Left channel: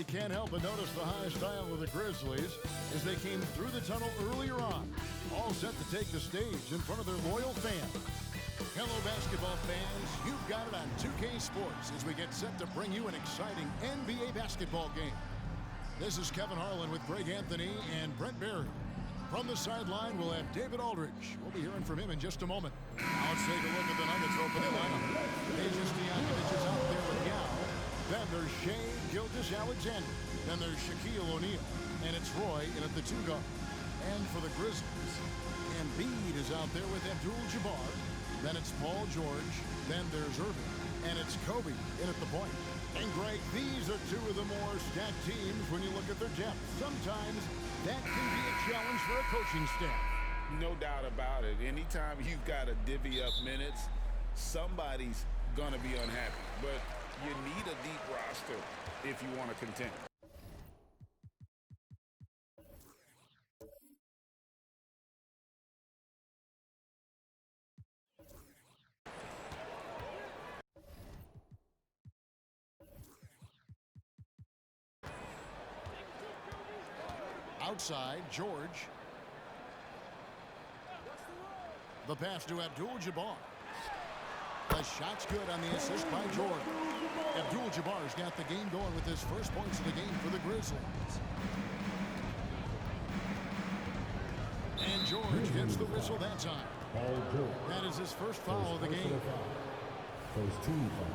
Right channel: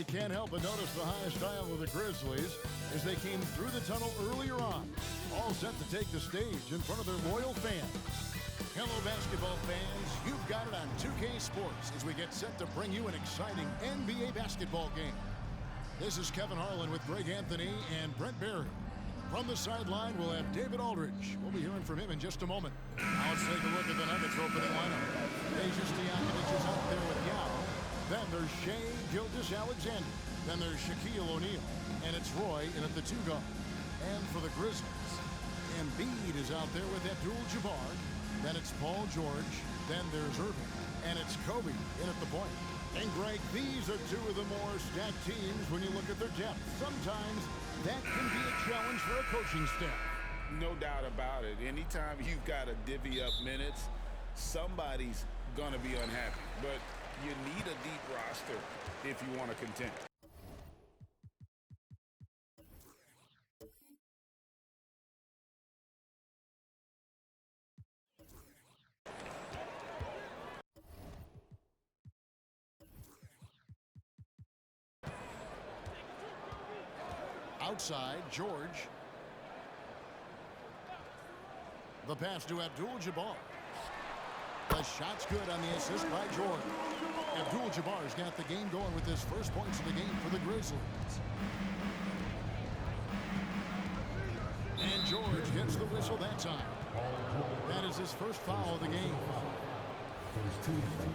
you can't help but notice the high style of the Grizzlies as they came through the tunnel earlier on, all set to take the stage in front of their loyal fans. Hello, basketball fans. You've got it on 2K Sports as we get set to bring you an exciting NBA basketball game. This is Kevin Harlan with Greg Anthony and Brent Barry. From the sideline, we'll have David Aldridge. We'll be hearing from him in just a moment. Now let's take a look at the Nuggets opening lineup. Deja Stojakovic is out there with Yao. Then there's Shai Gilgeous-Alexander. Then there's Shaquille O'Neal. And it's Roy in at the 2 guard. And for the Grizzlies, Embiid is out there with Abdul-Jabbar. Then it's Paul George. Then there's Irving. And it's Kobe in at the point. And Greg, these are two of the more stacked teams when you look at their depth. Sometimes that can be a challenge for a coaching staff. No doubt about it. Anytime you've got to divvy up minutes, somebody's going to be unhappy. But you need a deep roster if you want to contend. Outside, George. The pass to Abdul-Jabbar. The shot's good on the assist by George. Abdul-Jabbar's got the game going with his first points of the game for the Grizzlies. And George gets the whistle that time. That is his first foul of the game. First team foul.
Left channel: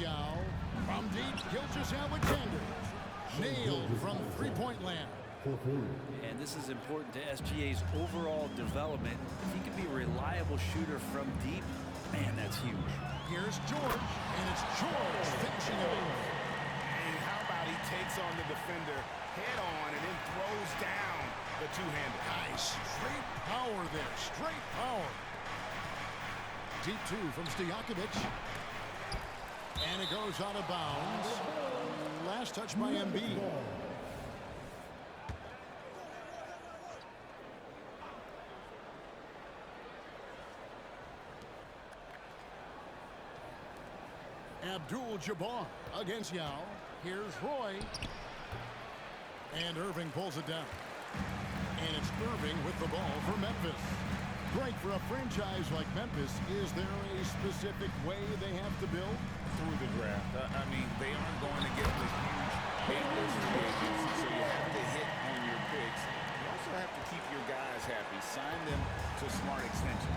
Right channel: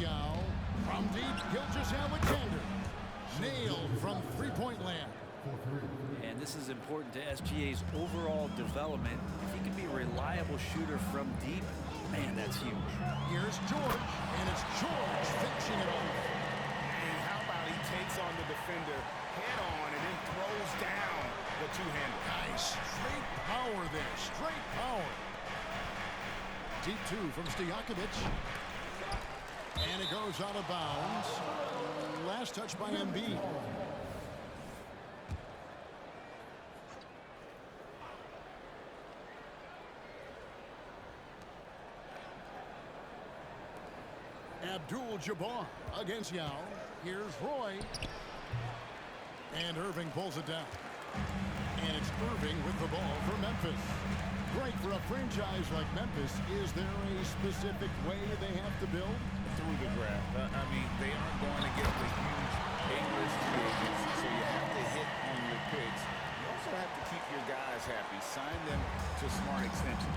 Yao from deep, Gilgeous-Alexander. Nailed from three-point land. And this is important to SGA's overall development. If he can be a reliable shooter from deep, man, that's huge. Here's George, and it's George finishing it off. And how about he takes on the defender head on and then throws down the two-hander. Nice. Straight power there. Straight power. Deep 2 from Stojakovic. And it goes out of bounds. Last touch by Embiid. Abdul-Jabbar against Yao. Here's Roy. And Irving pulls it down. And it's Irving with the ball for Memphis. Great for a franchise like Memphis. Is there a specific way they have to build? Through the draft. I mean, they aren't going to get the huge A-list free agents, so you have to hit on your picks. You also have to keep your guys happy. Sign them to smart extensions.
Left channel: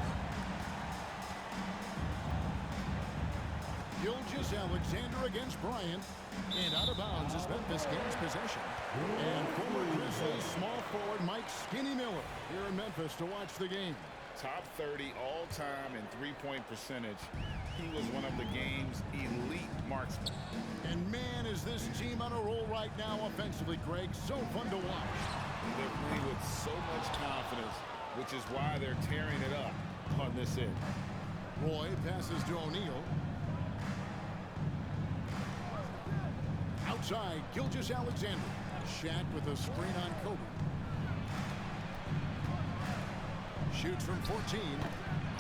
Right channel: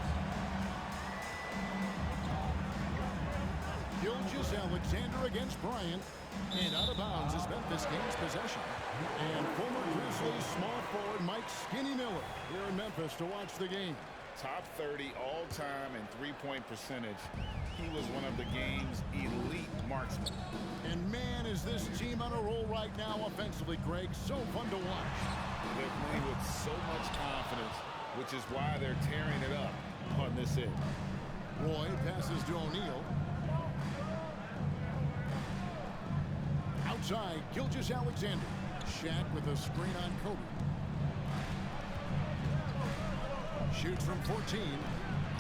Gilgeous-Alexander against Bryant. And out of bounds as Memphis gains possession. And former Grizzlies small forward Mike Skinny Miller here in Memphis to watch the game. Top 30 all-time in three-point percentage. He was one of the game's elite marksmen. And man, is this team on a roll right now offensively, Greg. So fun to watch. They're playing with so much confidence, which is why they're tearing it up on this end. Roy passes to O'Neal. Outside, Gilgeous-Alexander. Shaq with a screen on Kobe. Shoots from 14.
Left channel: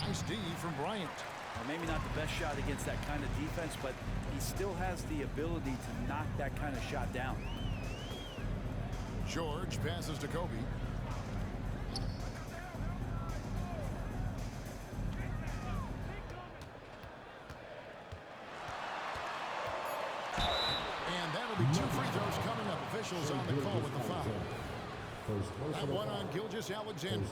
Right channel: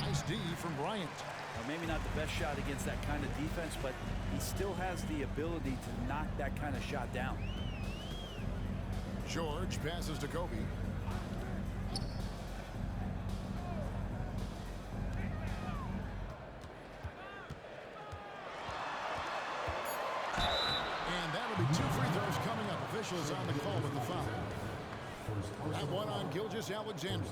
Nice D from Bryant. Well, maybe not the best shot against that kind of defense, but he still has the ability to knock that kind of shot down. George passes to Kobe. And that'll be 2 free throws coming up. Officials on the call with the foul. That one on Gilgeous-Alexander.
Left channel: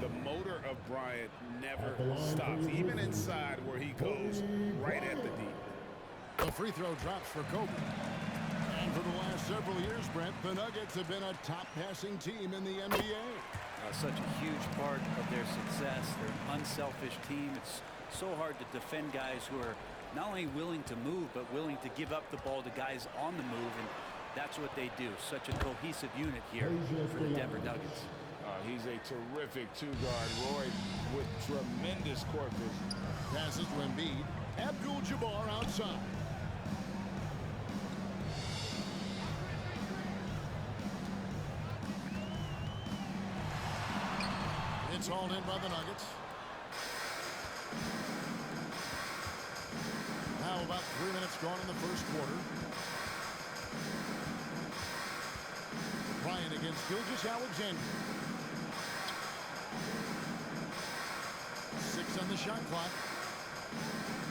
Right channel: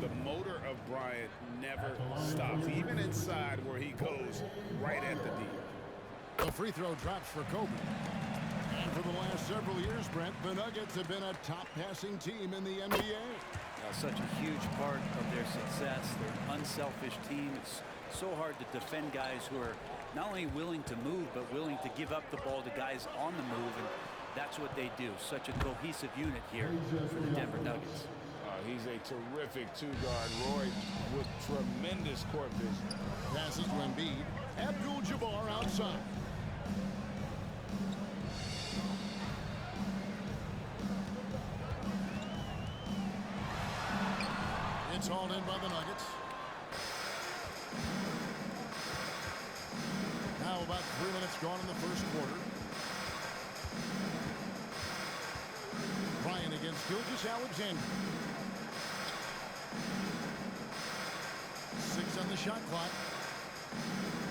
The motor of Bryant never stops, even inside where he goes right at the D. The free throw drops for Kobe. And for the last several years, Brent, the Nuggets have been a top passing team in the NBA. Such a huge part of their success. They're an unselfish team. It's so hard to defend guys who are not only willing to move, but willing to give up the ball to guys on the move, and that's what they do. Such a cohesive unit here for the Denver Nuggets. He's a terrific two-guard. Roy with tremendous court vision. Passes to Embiid. Abdul-Jabbar outside. It's hauled in by the Nuggets. Now about 3 minutes gone in the first quarter. Bryant against Gilgeous-Alexander. 6 on the shot clock.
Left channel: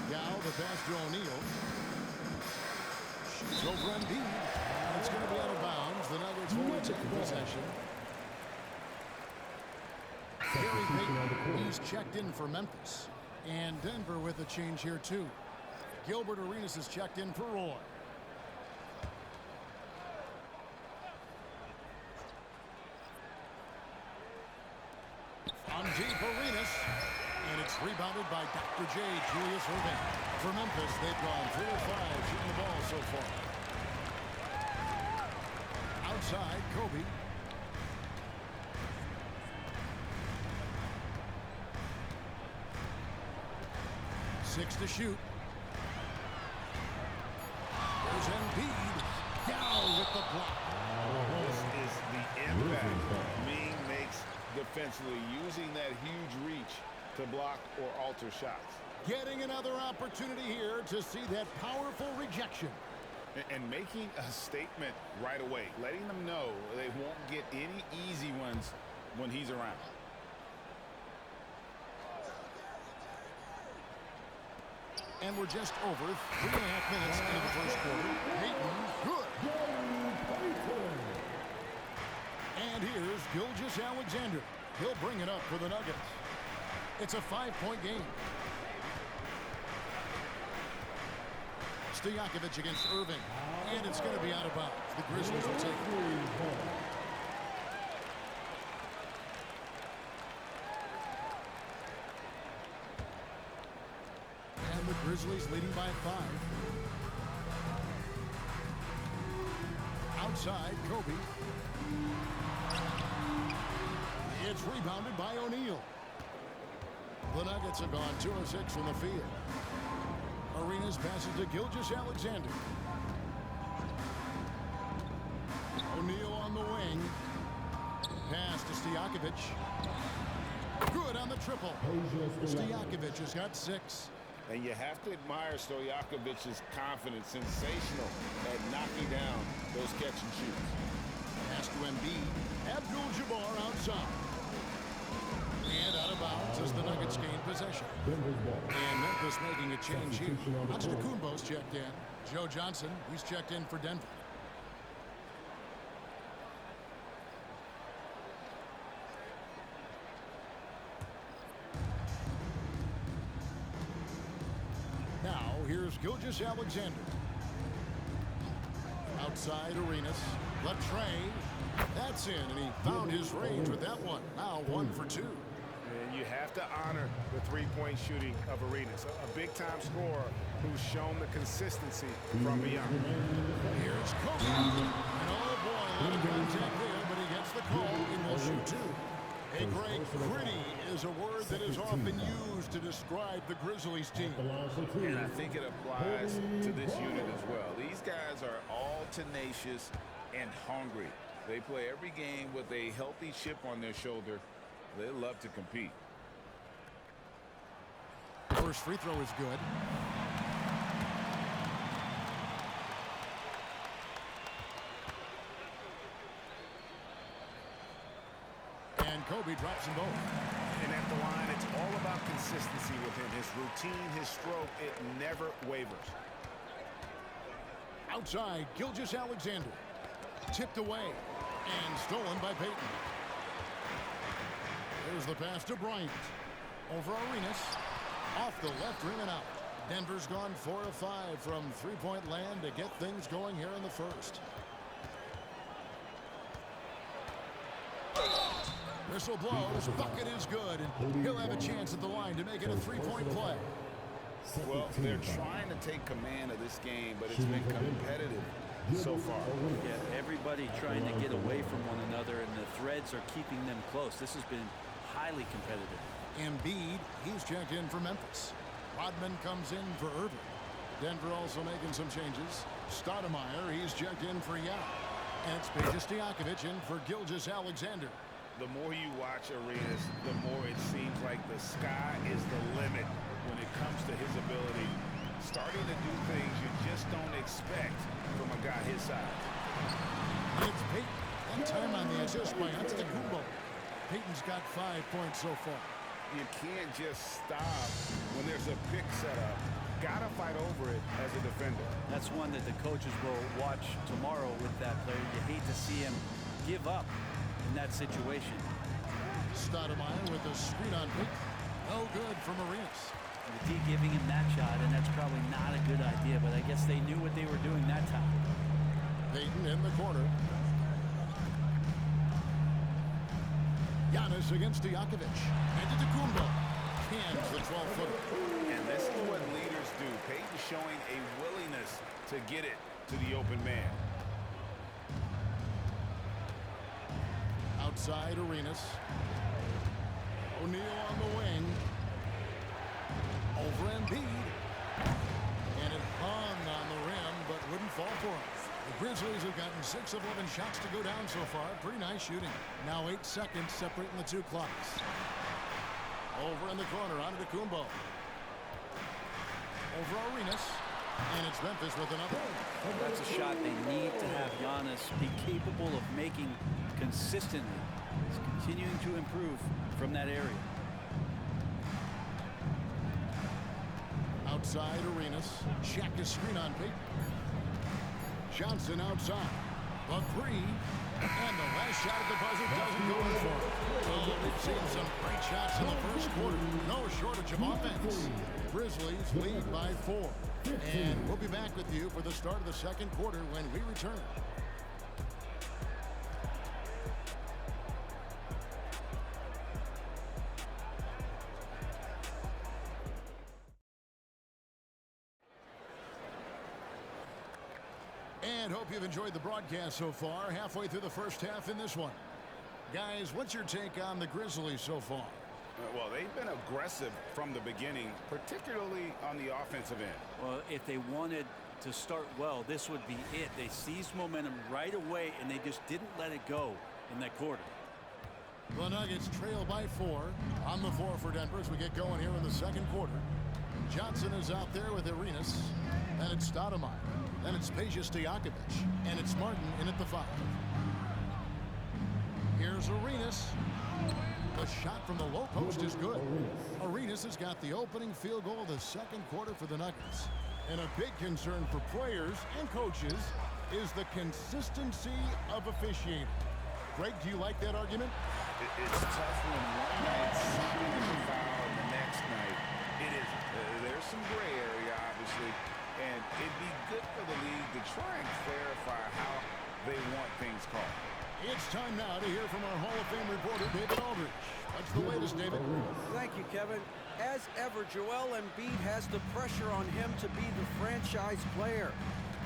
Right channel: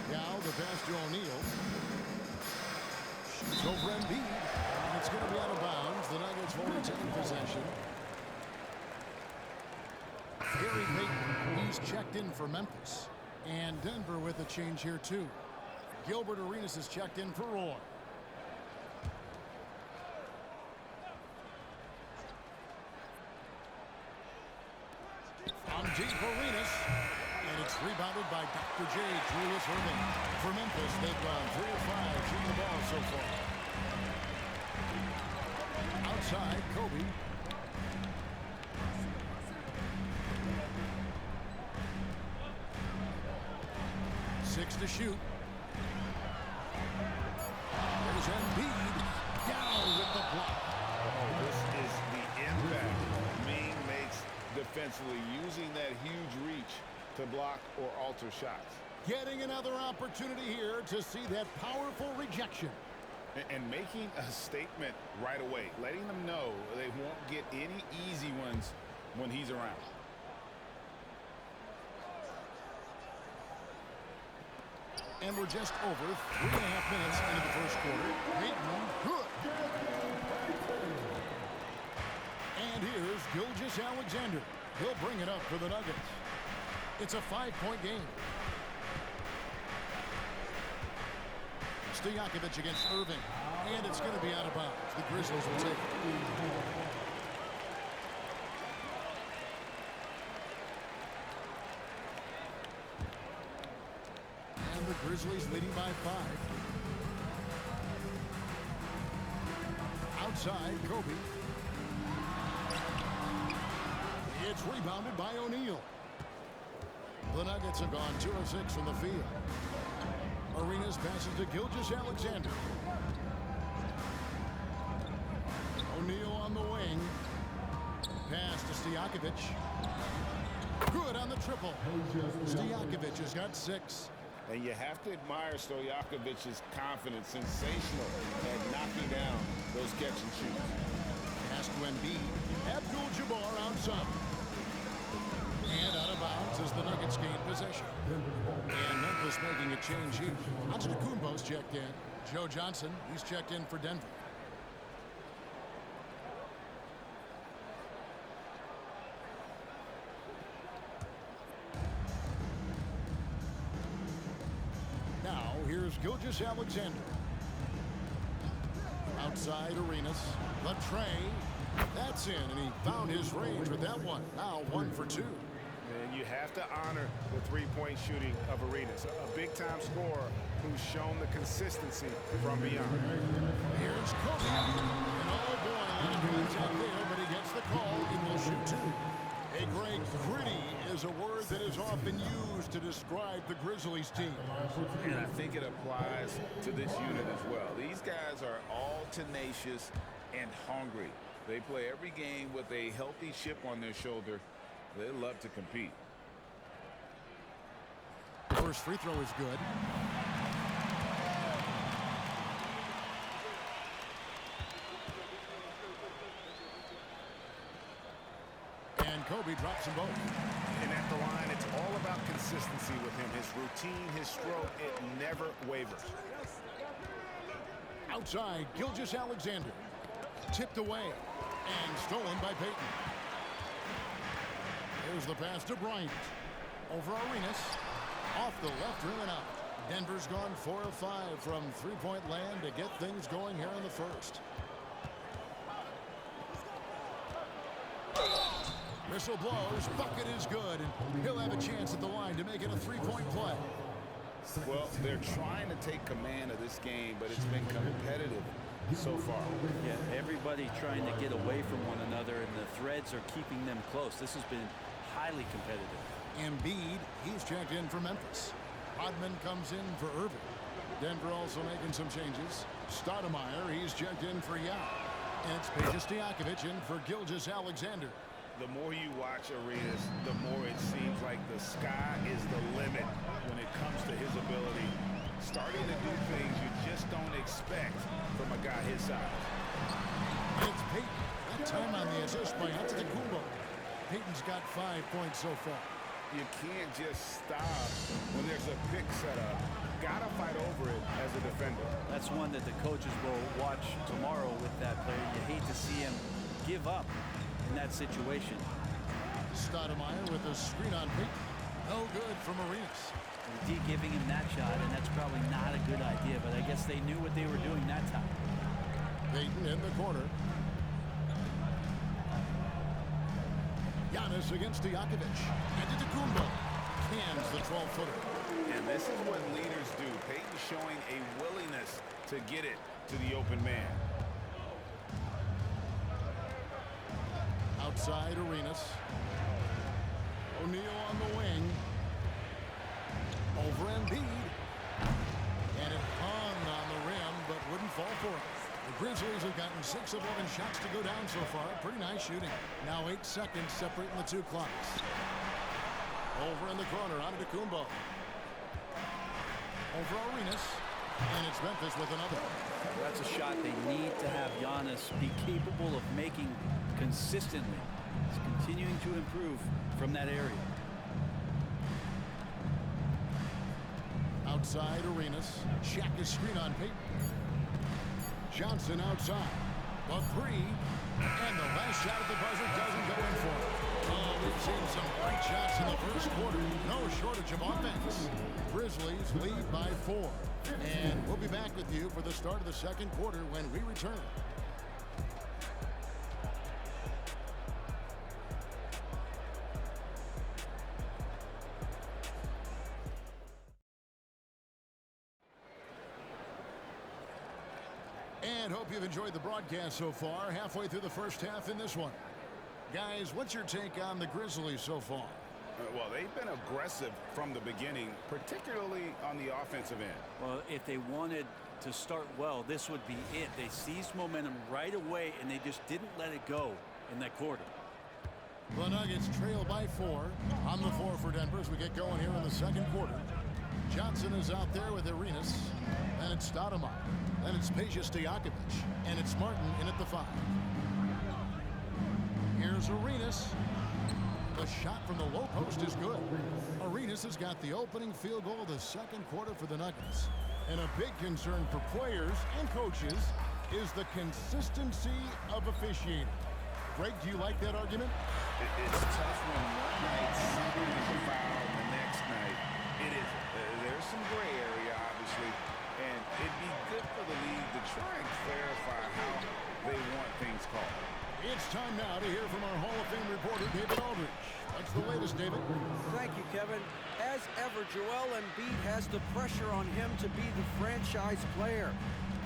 Now the pass to O'Neal. Shoots over Embiid. And it's going to be out of bounds. The Nuggets will retain possession. Gary Payton, he's checked in for Memphis. And Denver with a change here too. Gilbert Arenas is checked in for Roy. On deep, Arenas. And it's rebounded by Dr. J, Julius Irving. For Memphis, they've gone 3 of 5 shooting the ball so far. Outside, Kobe. Six to shoot. There's Embiid down with the block. Oh, this is the impact Ming makes defensively, using that huge reach to block or alter shots. Getting another opportunity here to see that powerful rejection. And making a statement right away, letting them know they won't get any easy ones when he's around. And we're just over 3.5 minutes into the first quarter. Payton, good. And here's Gilgeous-Alexander. He'll bring it up for the Nuggets. It's a 5-point game. Stojakovic against Irving. And it's going to be out of bounds. The Grizzlies will take it. And the Grizzlies leading by 5. Outside, Kobe. It's rebounded by O'Neal. The Nuggets have gone 2 of 6 from the field. Arenas passes to Gilgeous-Alexander. O'Neal on the wing. Pass to Stojakovic. Good on the triple. Stojakovic has got 6. And you have to admire Stojakovic's confidence. Sensational at knocking down those catch and shoots. Pass to Embiid. Abdul-Jabbar outside. And out of bounds as the Nuggets gain possession. And Memphis making a change here. Antetokounmpo's checked in. Joe Johnson, he's checked in for Denver. Now, here's Gilgeous-Alexander. Outside, Arenas. Latre. That's in, and he found his range with that one. Now 1 for 2. And you have to honor the three-point shooting of Arenas, a big-time scorer who's shown the consistency from beyond. Here's Kobe. And oh boy, a lot of contact there, but he gets the call and will shoot 2. Hey, Greg, gritty is a word that is often used to describe the Grizzlies team. And I think it applies to this unit as well. These guys are all tenacious and hungry. They play every game with a healthy chip on their shoulder. They love to compete. First free throw is good. And Kobe drops them both. And at the line, it's all about consistency with him. His routine, his stroke, it never wavers. Outside, Gilgeous-Alexander. Tipped away and stolen by Payton. There's the pass to Bryant. Over Arenas. Off the left rim and out. Denver's gone 4 of 5 from three-point land to get things going here in the first. Whistle blows. Bucket is good. And he'll have a chance at the line to make it a 3-point play. Well, they're trying to take command of this game, but it's been competitive so far. Yeah, everybody trying to get away from one another, and the threads are keeping them close. This has been highly competitive. Embiid, he's checked in for Memphis. Rodman comes in for Irving. Denver also making some changes. Stoudemire, he's checked in for Yao. And it's Stojakovic in for Gilgeous-Alexander. The more you watch Arenas, the more it seems like the sky is the limit when it comes to his ability. Starting to do things you just don't expect from a guy his size. And it's Payton. That time on the assist by Antetokounmpo. Payton's got 5 points so far. You can't just stop when there's a pick set up. Gotta fight over it as a defender. That's one that the coaches will watch tomorrow with that player. You hate to see him give up in that situation. Stoudemire with a screen on Payton. No good from Arenas. The D giving him that shot, and that's probably not a good idea, but I guess they knew what they were doing that time. Payton in the corner. Giannis against Stojakovic. Antetokounmpo cans the 12-footer. And this is what leaders do. Payton showing a willingness to get it to the open man. Outside Arenas. O'Neal on the wing. Over Embiid. And it hung on the rim, but wouldn't fall for him. The Grizzlies have gotten 6 of 11 shots to go down so far. Pretty nice shooting. Now 8 seconds separating the two clocks. Over in the corner, Antetokounmpo. Over Arenas. And it's Memphis with another. Well, that's a shot they need to have Giannis be capable of making consistently. He's continuing to improve from that area. Outside Arenas. Shaq is screen on Payton. Johnson outside. The three. And the last shot at the buzzer doesn't go in for him. Oh, we've seen some great shots in the first quarter. No shortage of offense. Grizzlies lead by 4. And we'll be back with you for the start of the second quarter when we return. And hope you've enjoyed the broadcast so far. Halfway through the first half in this one. Guys, what's your take on the Grizzlies so far? Well, they've been aggressive from the beginning, particularly on the offensive end. Well, if they wanted to start well, this would be it. They seized momentum right away, and they just didn't let it go in that quarter. The Nuggets trail by 4 on the floor for Denver as we get going here in the second quarter. Johnson is out there with Arenas. Then it's Stoudemire. Then it's Stojakovic. And it's Martin in at the 5. Here's Arenas. The shot from the low post is good. Arenas has got the opening field goal of the second quarter for the Nuggets. And a big concern for players and coaches is the consistency of officiating. Greg, do you like that argument? It's tough when one night something is a foul and the next night it isn't. There's some gray area, obviously, and it'd be good for the league to try and clarify how they want things called. It's time now to hear from our Hall of Fame reporter, David Aldridge. What's the latest, David? Thank you, Kevin. As ever, Joel Embiid has the pressure on him to be the franchise player.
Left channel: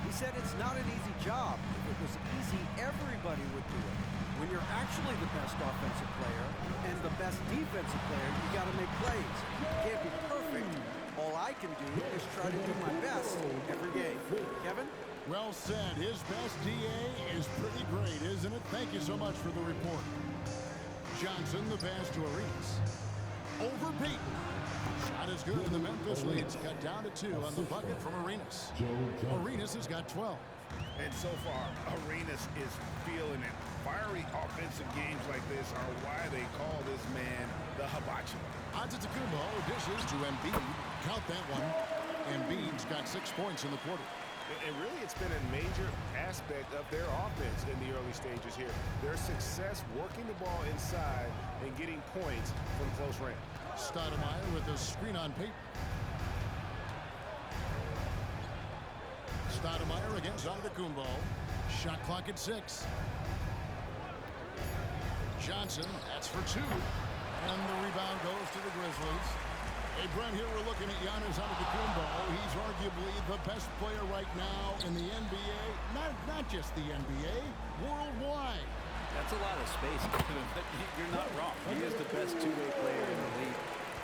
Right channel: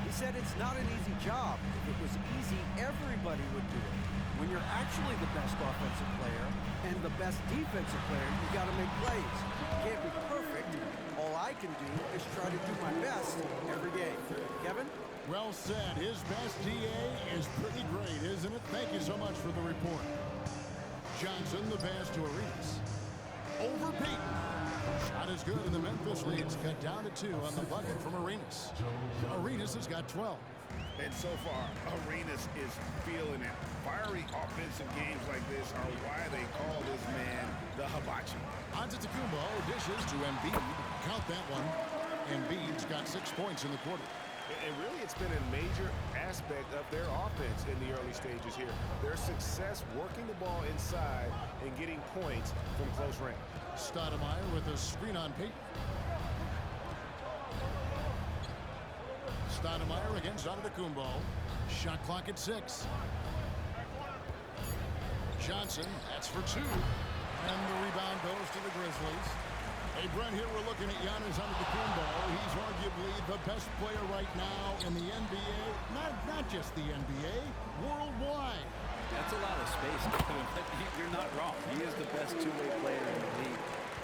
He said it's not an easy job. If it was easy, everybody would do it. When you're actually the best offensive player and the best defensive player, you got to make plays. You can't be perfect. All I can do is try to do my best every game. Kevin? Well said. His best DA is pretty great, isn't it? Thank you so much for the report. Johnson, the pass to Arenas. Over Payton. Shot is good, and the Memphis lead's cut down to 2 on the bucket from Arenas. Arenas has got 12. And so far, Arenas is feeling it. Fiery offensive games like this are why they call this man the hibachi. Antetokounmpo dishes to Embiid. Count that one. Embiid's got 6 points in the quarter. And really, it's been a major aspect of their offense in the early stages here. Their success working the ball inside and getting points from close range. Stoudemire with a screen on Payton. Stoudemire against Antetokounmpo. Shot clock at 6. Johnson, that's for 2. And the rebound goes to the Grizzlies. Hey, Brent, here we're looking at Giannis Antetokounmpo. He's arguably the best player right now in the NBA. Not just the NBA, worldwide. That's a lot of space, Kevin, but you're not wrong. He is the best two-way player in the league.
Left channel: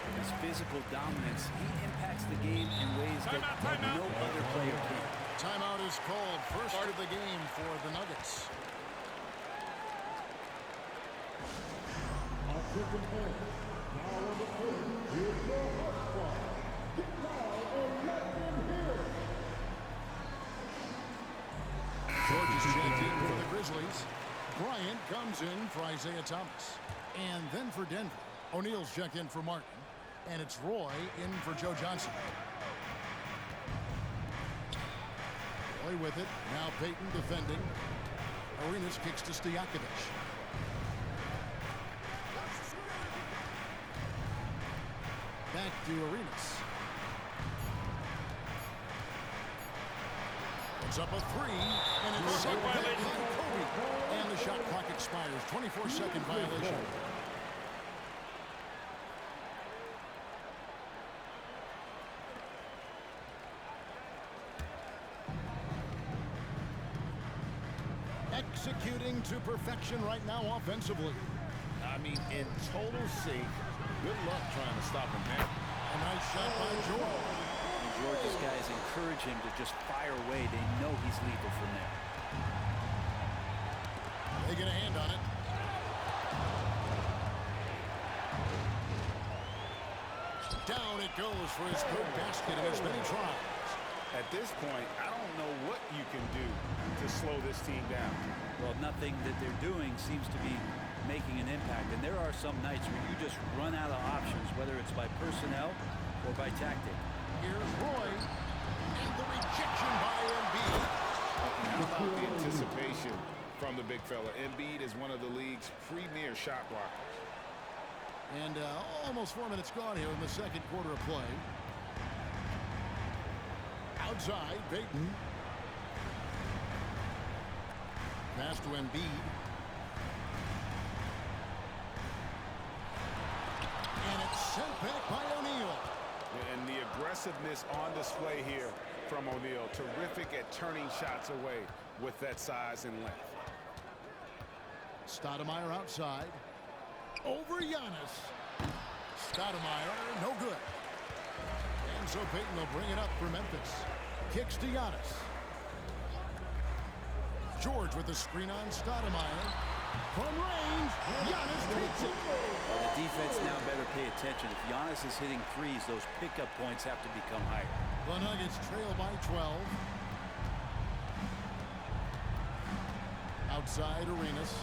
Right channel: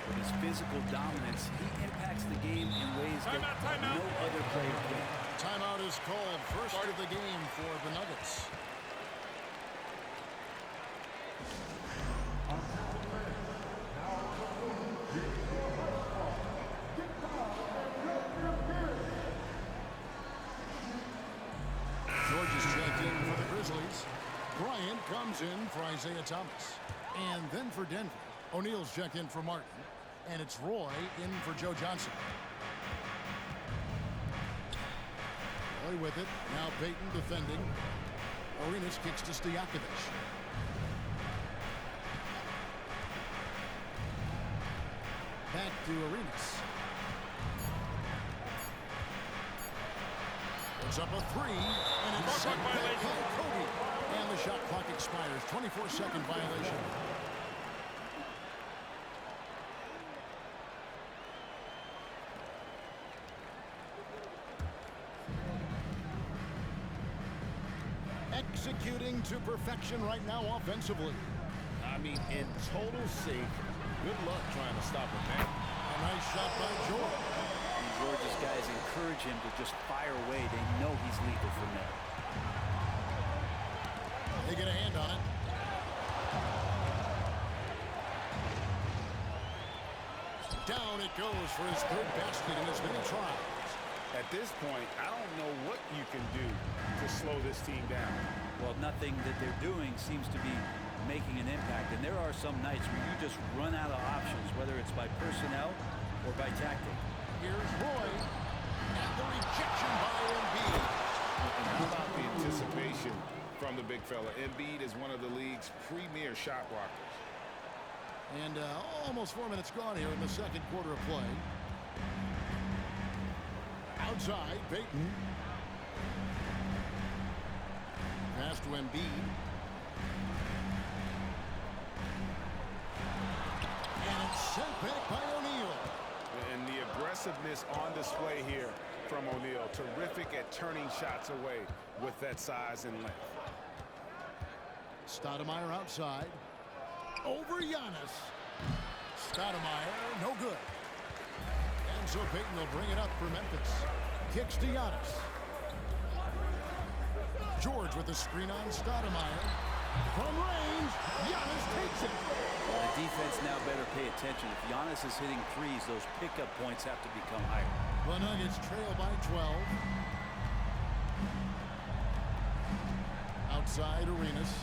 With his physical dominance, he impacts the game in ways that no other player can. Timeout is called. First start of the game for the Nuggets. George is checked in for the Grizzlies. Bryant comes in for Isaiah Thomas. And then for Denver, O'Neal's checked in for Martin. And it's Roy in for Joe Johnson. Roy with it. Now Payton defending. Arenas kicks to Stojakovic. Back to Arenas. Puts up a three, and it's set back by Kobe. And the shot clock expires. 24-second violation. Executing to perfection right now offensively. I mean, in total sync. Good luck trying to stop him there. A nice shot by George. And George's guys encourage him to just fire away. They know he's lethal from there. They get a hand on it. Down it goes for his third basket in as many tries. At this point, I don't know what you can do to slow this team down. Well, nothing that they're doing seems to be making an impact. And there are some nights where you just run out of options, whether it's by personnel or by tactic. Here's Roy. And the rejection by Embiid. And how about the anticipation from the big fella? Embiid is one of the league's premier shot blockers. And almost 4 minutes gone here in the second quarter of play. Outside, Payton. Pass to Embiid. And it's sent back by O'Neal. And the aggressiveness on display here from O'Neal. Terrific at turning shots away with that size and length. Stoudemire outside. Over Giannis. Stoudemire, no good. And so Payton will bring it up for Memphis. Kicks to Giannis. George with the screen on Stoudemire. From range, Giannis takes it. Well, the defense now better pay attention. If Giannis is hitting threes, those pickup points have to become higher. The Nuggets trail by 12. Outside, Arenas.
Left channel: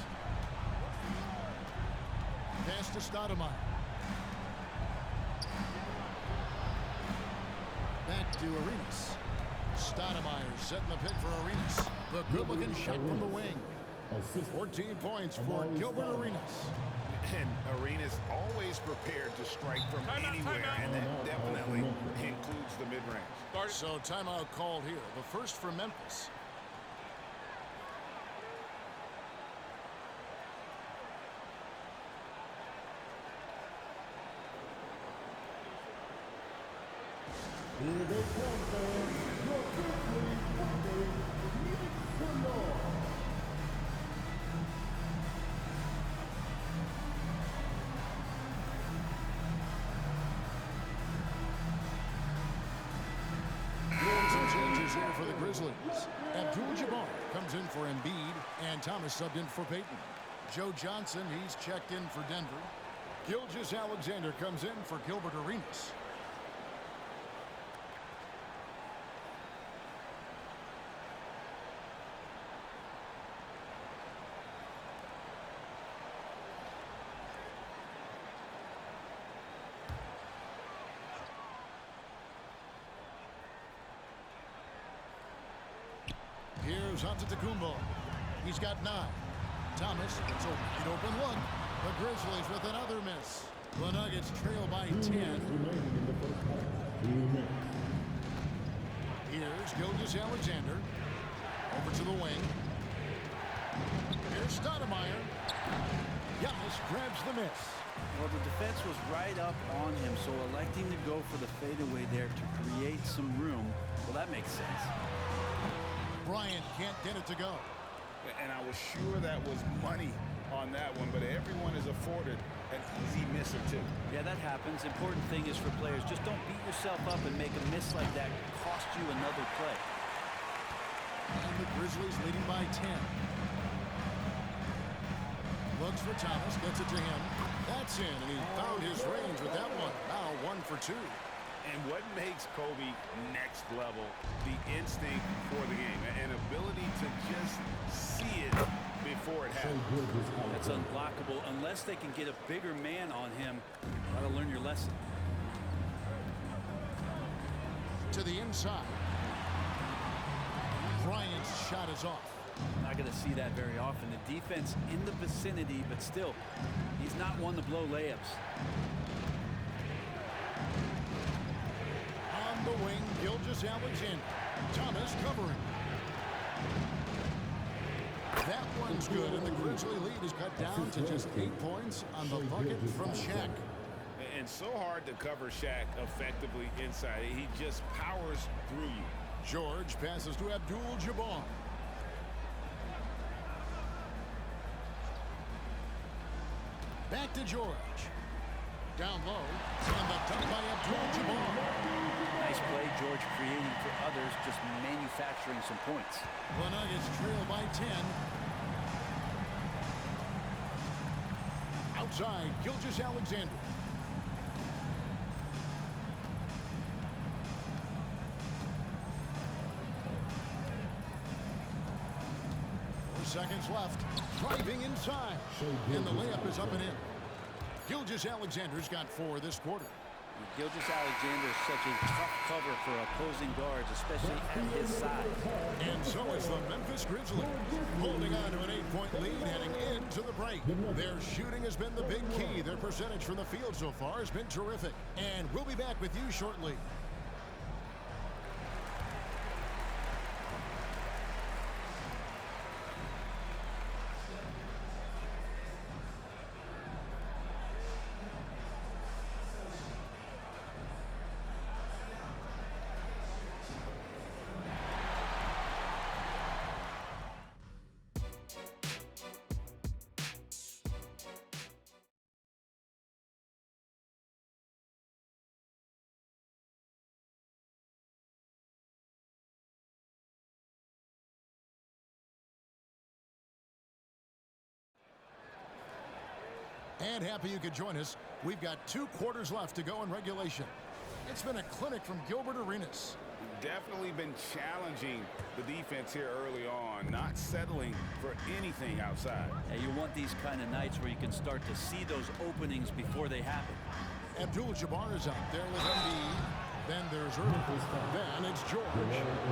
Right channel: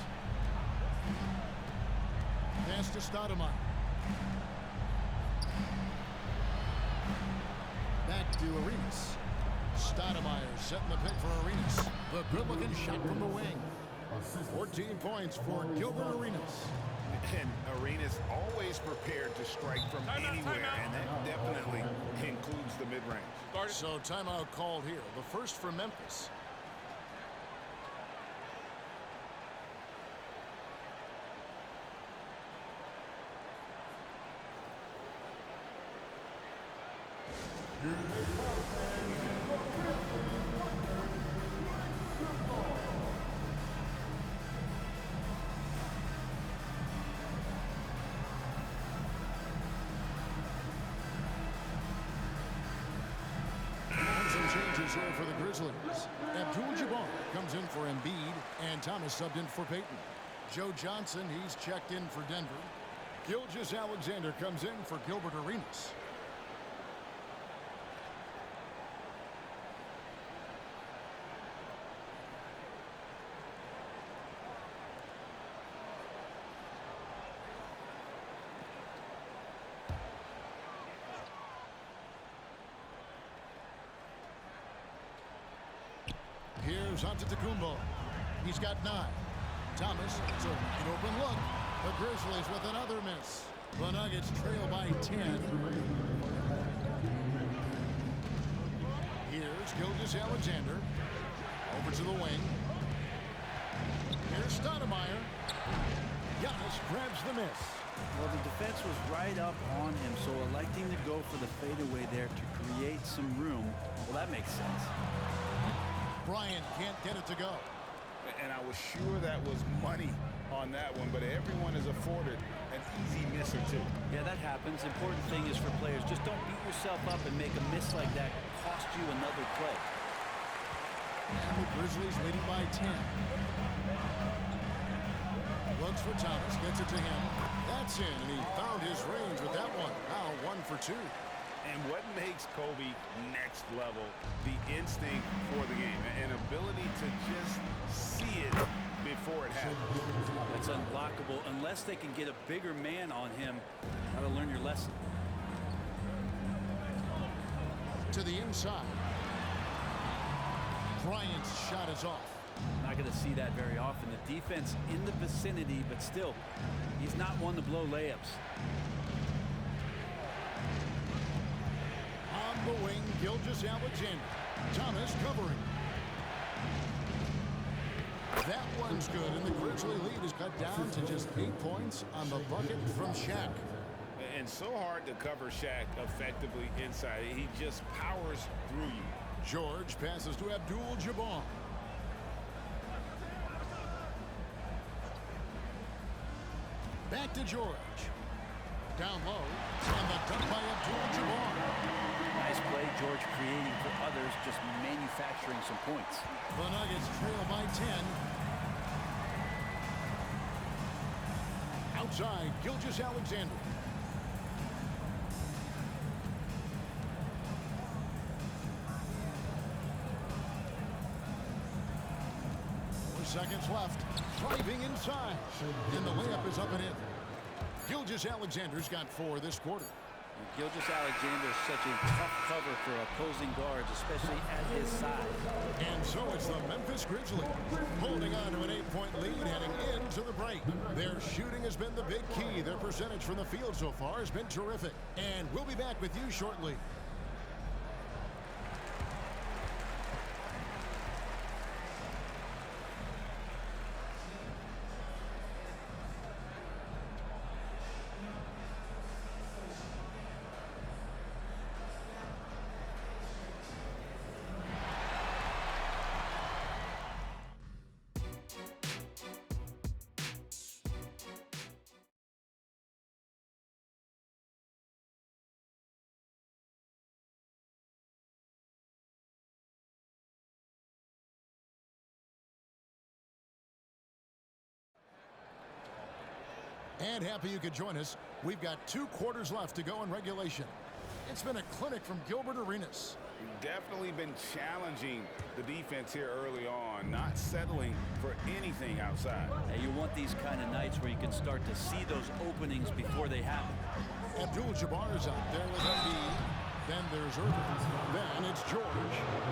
Pass to Stoudemire. Back to Arenas. Stoudemire setting the pick for Arenas. The good-looking shot from the wing. 14 points for Gilbert Arenas. And Arenas always prepared to strike from anywhere, and that definitely includes the mid-range. So timeout called here. The first for Memphis. Here they come, fans. Your Grizzlies wonder, make some more. Some changes here for the Grizzlies. Abdul-Jabbar comes in for Embiid, and Thomas subbed in for Payton. Joe Johnson, he's checked in for Denver. Gilgeous-Alexander comes in for Gilbert Arenas. Here's Antetokounmpo. He's got 9. Thomas, it's a wide open look. The Grizzlies with another miss. The Nuggets trail by 10. Here's Gilgeous-Alexander. Over to the wing. Here's Stoudemire. Giannis grabs the miss. Well, the defense was right up on him, so electing to go for the fadeaway there to create some room, well, that makes sense. Bryant can't get it to go. And I was sure that was money on that one, but everyone is afforded an easy miss or two. Yeah, that happens. Important thing is for players, just don't beat yourself up and make a miss like that cost you another play. And the Grizzlies leading by 10. Looks for Thomas, gets it to him. That's in, and he found his range with that one. Now 1 for 2. And what makes Kobe next level, the instinct for the game, an ability to just see it before it happens. That's unblockable unless they can get a bigger man on him. Gotta learn your lesson. To the inside. Bryant's shot is off. Not going to see that very often. The defense in the vicinity, but still, he's not one to blow layups. On the wing, Gilgeous-Alexander. Thomas covering. That one's good, and the Grizzly lead is cut down to just 8 points on the bucket from Shaq. And so hard to cover Shaq effectively inside. He just powers through you. George passes to Abdul-Jabbar. Back to George. Down low. And the dunk by Abdul-Jabbar. Nice play, George creating for others, just manufacturing some points. The Nuggets trail by 10. Outside, Gilgeous-Alexander. Seconds left. Driving inside. And the layup is up and in. Gilgeous-Alexander's got 4 this quarter. Gilgeous-Alexander is such a tough cover for opposing guards, especially at his size. And so it's the Memphis Grizzlies holding on to an 8-point lead heading into the break. Their shooting has been the big key. Their percentage from the field so far has been terrific. And we'll be back with you shortly. And happy you could join us. We've got 2 quarters left to go in regulation. It's been a clinic from Gilbert Arenas. Definitely been challenging the defense here early on, not settling for anything outside. Hey, you want these kind of nights where you can start to see those openings before they happen. Abdul-Jabbar is out there with Embiid. Then there's Irving. Then it's George.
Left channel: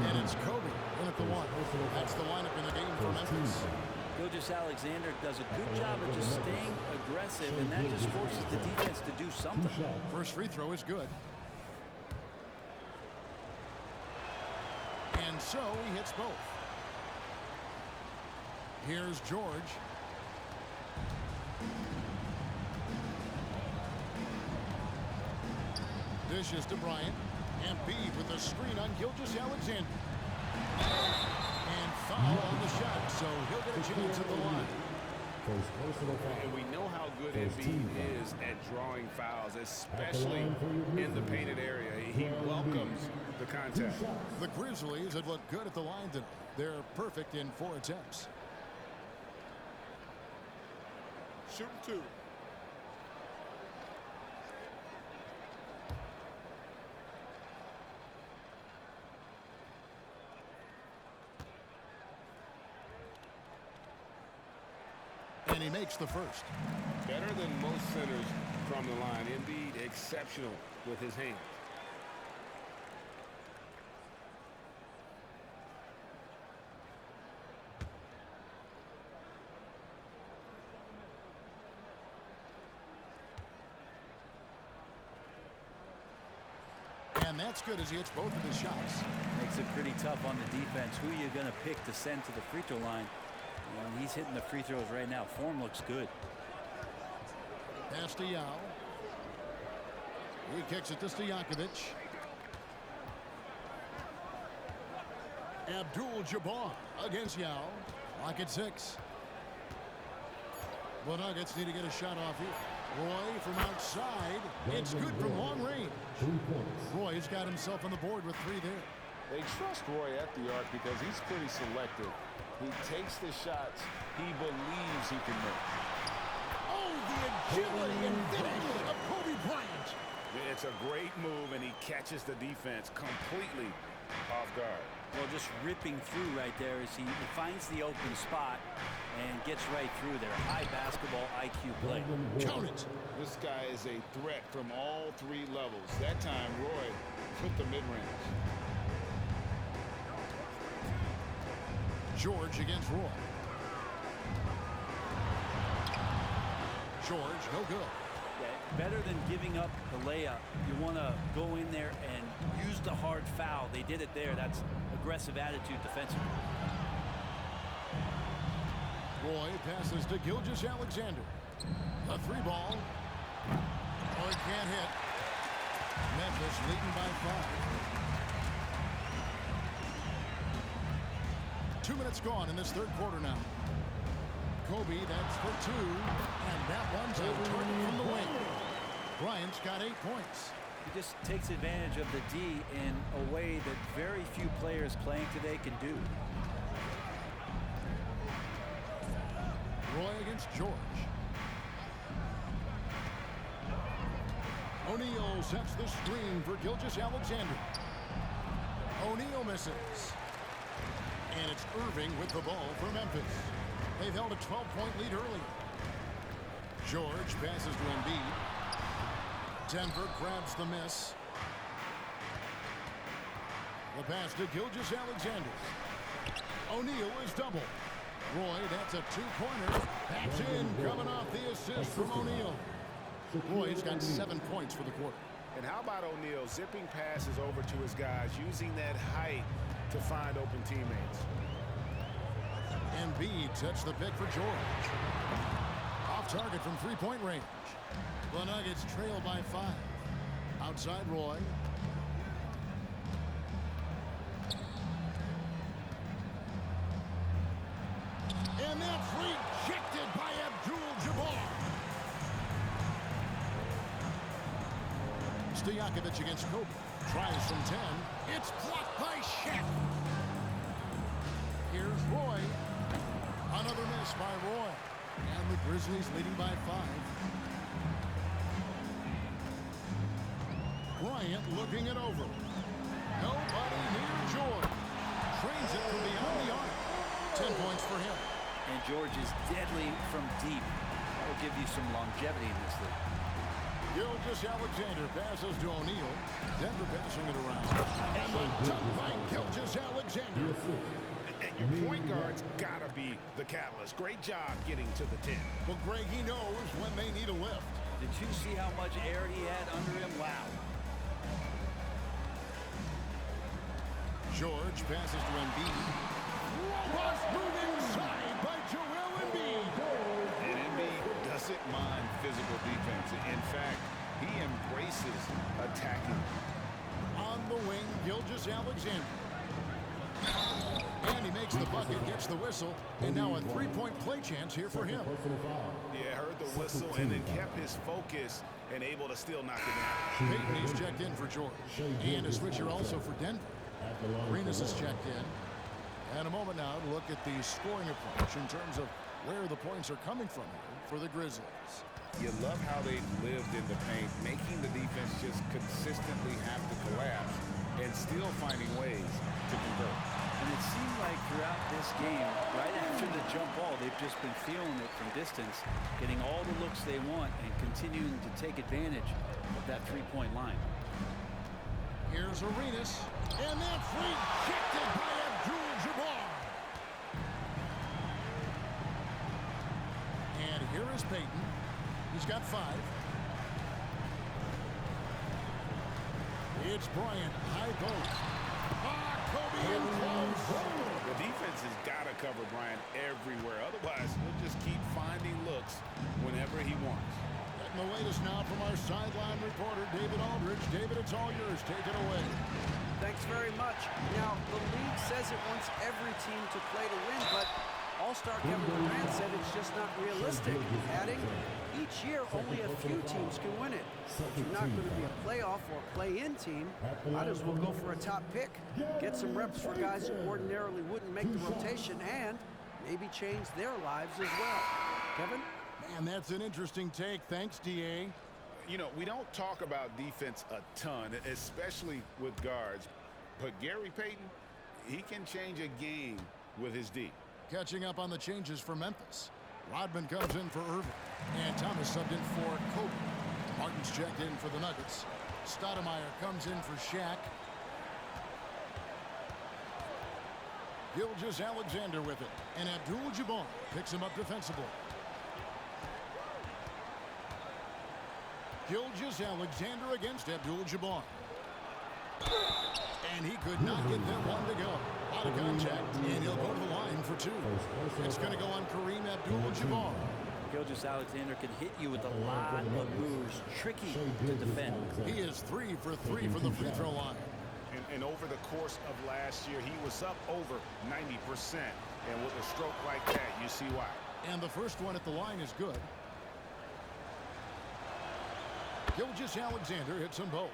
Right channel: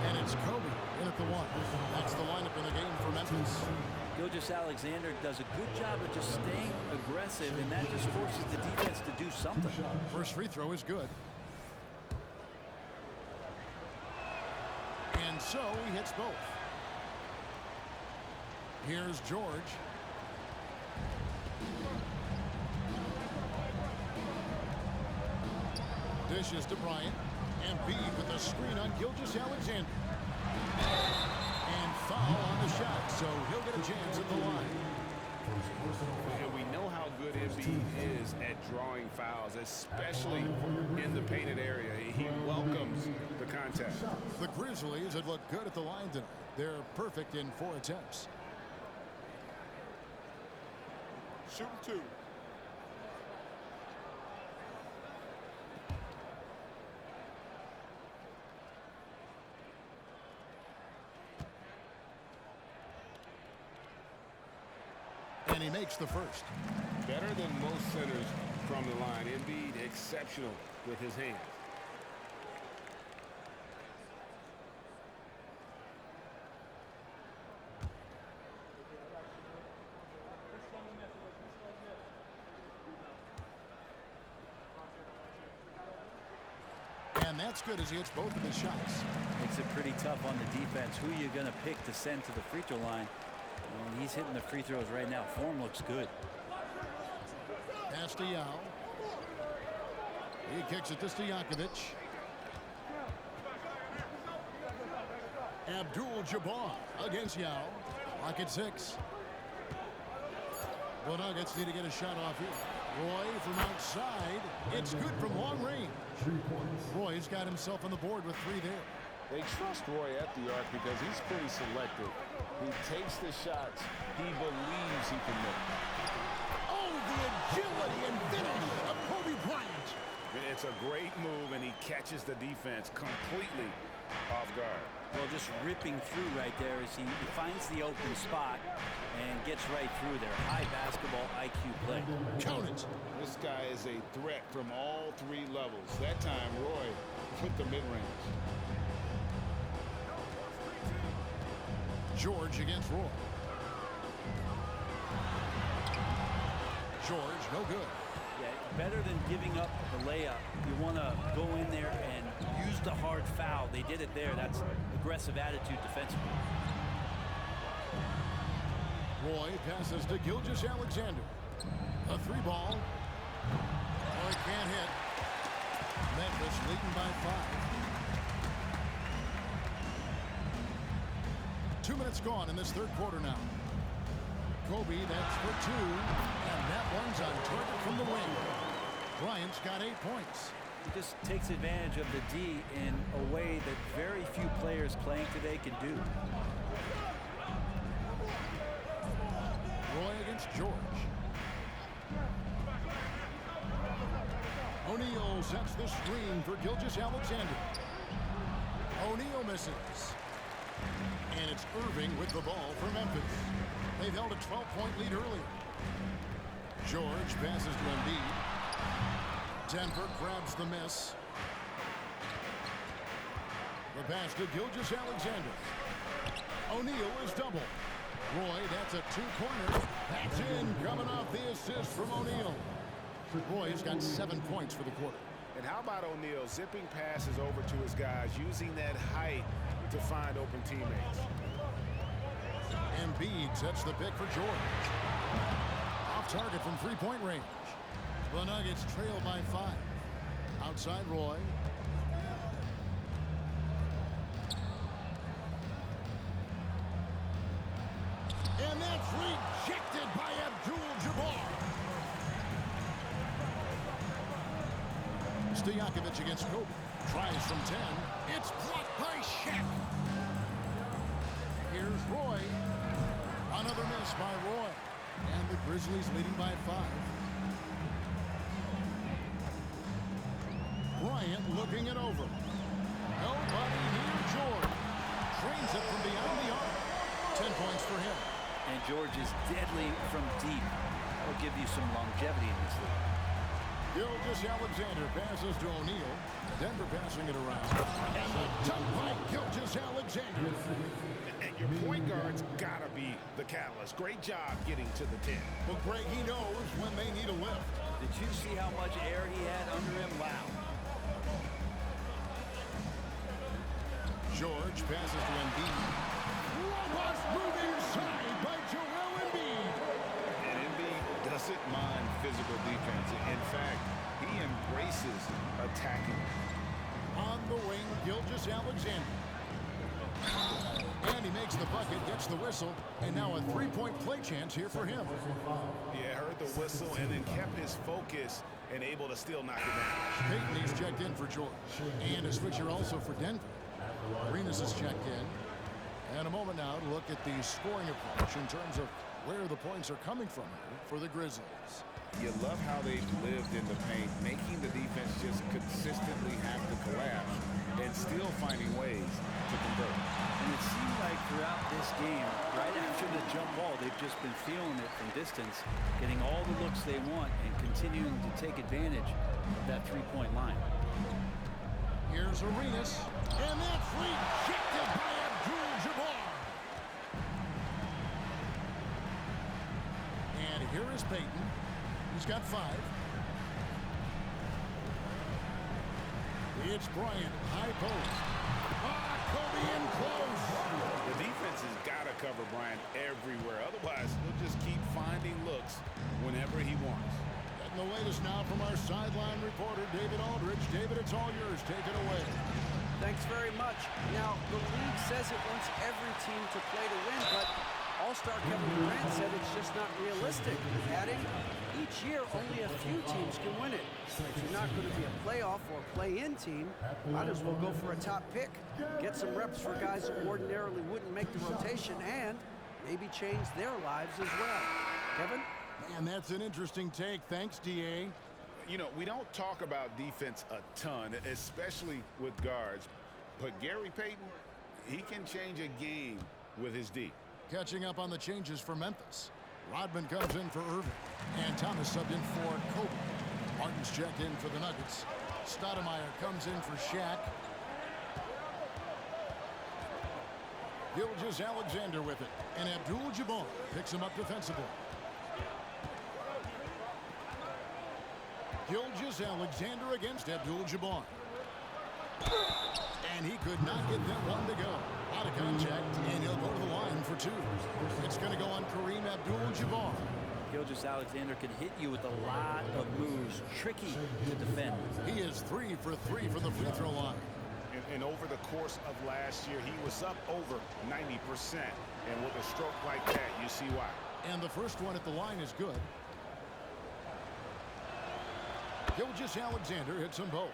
And it's Kobe in at the 1. That's the lineup in the game for Memphis. Gilgeous-Alexander does a good job of just staying aggressive, and that just forces the defense to do something. First free throw is good. And so he hits both. Here's George. Dishes to Bryant. Embiid with a screen on Gilgeous-Alexander. And foul on the shot, so he'll get a chance at the line. And we know how good Embiid is at drawing fouls, especially in the painted area. He welcomes the contact. The Grizzlies have looked good at the line tonight. They're perfect in 4 attempts. Shooting 2. And he makes the first. Better than most centers from the line. Embiid exceptional with his hands. And that's good as he hits both of his shots. Makes it pretty tough on the defense. Who are you going to pick to send to the free throw line? When he's hitting the free throws right now, form looks good. Pass to Yao. He kicks it to Stojakovic. Abdul-Jabbar against Yao. Lock at 6. The Nuggets need to get a shot off here. Roy from outside. It's good from long range. Roy's got himself on the board with 3 there. They trust Roy at the arc because he's pretty selective. He takes the shots he believes he can make. Oh, the agility and finish of Kobe Bryant. It's a great move, and he catches the defense completely off guard. Well, just ripping through right there as he finds the open spot and gets right through there. High basketball IQ play. Count it. This guy is a threat from all 3 levels. That time, Roy with the mid-range. George against Roy. George, no good. Yeah, better than giving up the layup. You want to go in there and use the hard foul. They did it there. That's aggressive attitude defensively. Roy passes to Gilgeous-Alexander. A 3 ball. Roy can't hit. Memphis leading by 5. 2 minutes gone in this 3rd quarter now. Kobe, that's for 2, and that one's on target from the wing. Bryant's got 8 points. He just takes advantage of the D in a way that very few players playing today can do. Roy against George. O'Neal sets the screen for Gilgeous-Alexander. O'Neal misses. And it's Irving with the ball for Memphis. They've held a 12-point lead earlier. George passes to Embiid. Denver grabs the miss. The pass to Gilgeous-Alexander. O'Neal is double. Roy, that's a 2-pointer. That's in, coming off the assist from O'Neal. Roy's got 7 points for the quarter. And how about O'Neal zipping passes over to his guys, using that height to find open teammates. Embiid sets the pick for George. Off target from 3-point range. The Nuggets trail by 5. Outside Roy. And that's rejected by Abdul-Jabbar. Stojakovic against Kobe. Tries from 10. It's blocked by Shaq. Here's Roy. Another miss by Roy. And the Grizzlies leading by 5. Bryant looking it over. Nobody near George. Trains it from beyond the arc. 10 points for him. And George is deadly from deep. That'll give you some longevity in this league. Gilgeous-Alexander passes to O'Neal. Denver passing it around. And the dunk by Gilgeous-Alexander. And your point guard's got to be the catalyst. Great job getting to the 10. Well, Greg, he knows when they need a lift. Did you see how much air he had under him? Wow. George passes to Embiid. Robust move inside by Joel Embiid. And Embiid doesn't mind physical defense. In fact, he embraces attacking. On the wing, Gilgeous-Alexander. And he makes the bucket, gets the whistle, and now a 3-point play chance here for him. Yeah, heard the whistle and then kept his focus and able to still knock it down. Peyton, he's checked in for George. And a switcher also for Denver. Arenas is checked in. And a moment now to look at the scoring approach in terms of where the points are coming from here for the Grizzlies. You love how they've lived in the paint, making the defense just consistently have to collapse and still finding ways to convert. And it seemed like throughout this game, right after the jump ball, they've just been feeling it from distance, getting all the looks they want and continuing to take advantage of that 3-point line. Here's Arenas, and that's rejected by Abdul-Jabbar. And here is Peyton. He's got 5. It's Bryant, high post. Kobe in close. The defense has got to cover Bryant everywhere. Otherwise, he'll just keep finding looks whenever he wants. That Getting the latest now from our sideline reporter, David Aldridge. David, it's all yours. Take it away. Thanks very much. Now, the league says it wants every team to play to win, but All-Star Kevin Durant said it's just not realistic, adding, each year only a few teams can win it. If you're not going to be a playoff or play-in team, might as well go for a top pick. Get some reps for guys who ordinarily wouldn't make the rotation and maybe change their lives as well. Kevin? Man, that's an interesting take. Thanks, D.A. You know, we don't talk about defense a ton, especially with guards. But Gary Payton, he can change a game with his D. Catching up on the changes for Memphis. Rodman comes in for Irving. And Thomas subbed in for Kobe. Martin's checked in for the Nuggets. Stoudemire comes in for Shaq. Gilgeous-Alexander with it. And Abdul-Jabbar picks him up defensively. Gilgeous-Alexander against Abdul-Jabbar. And he could not get that one to go. Out of contact, and he'll go to the line for two. It's going to go on Kareem Abdul-Jabbar. Gilgeous-Alexander can hit you with a lot of moves. Tricky to defend. He is 3 for 3 from the free throw line. And over the course of last year, he was up over 90%. And with a stroke like that, you see why. And the first one at the line is good. Gilgeous-Alexander hits them both.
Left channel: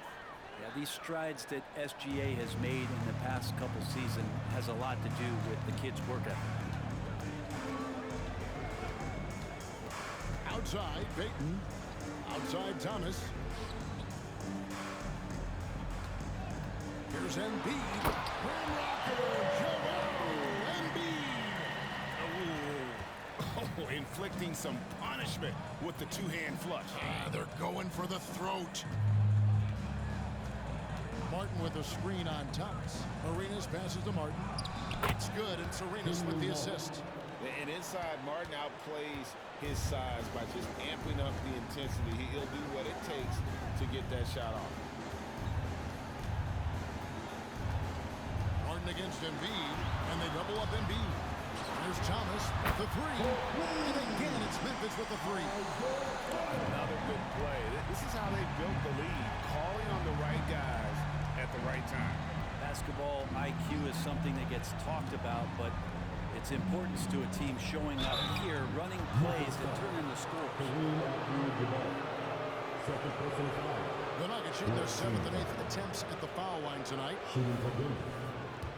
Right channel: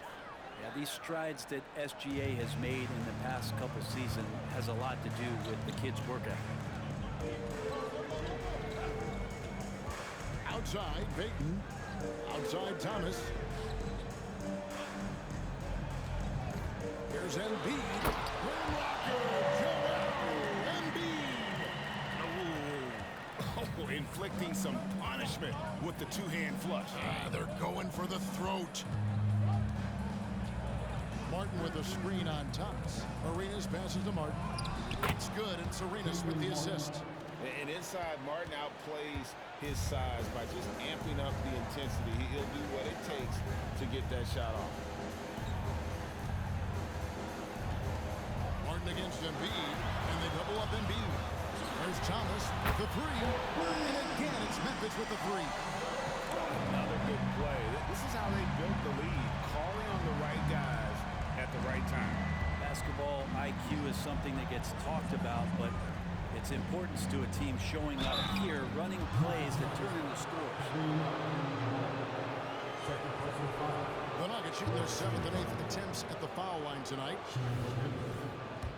Yeah, these strides that SGA has made in the past couple seasons has a lot to do with the kid's work ethic. Outside, Payton. Outside, Thomas. Here's Embiid. Rim rocker, Joel Embiid. Oh, inflicting some punishment with the two-hand flush. They're going for the throat. Martin with a screen on Thomas. Arenas passes to Martin. It's good, and it's Arenas with the assist. And inside, Martin outplays his size by just amping up the intensity. He'll do what it takes to get that shot off. Martin against Embiid, and they double up Embiid. There's Thomas with the three. And again, it's Memphis with the three. Another good play. This is how they built the lead, calling on the right guys at the right time. Basketball IQ is something that gets talked about, but its importance to a team showing up here, running plays that turn into scores. The Nuggets shooting their 7th and 8th attempts at the foul line tonight.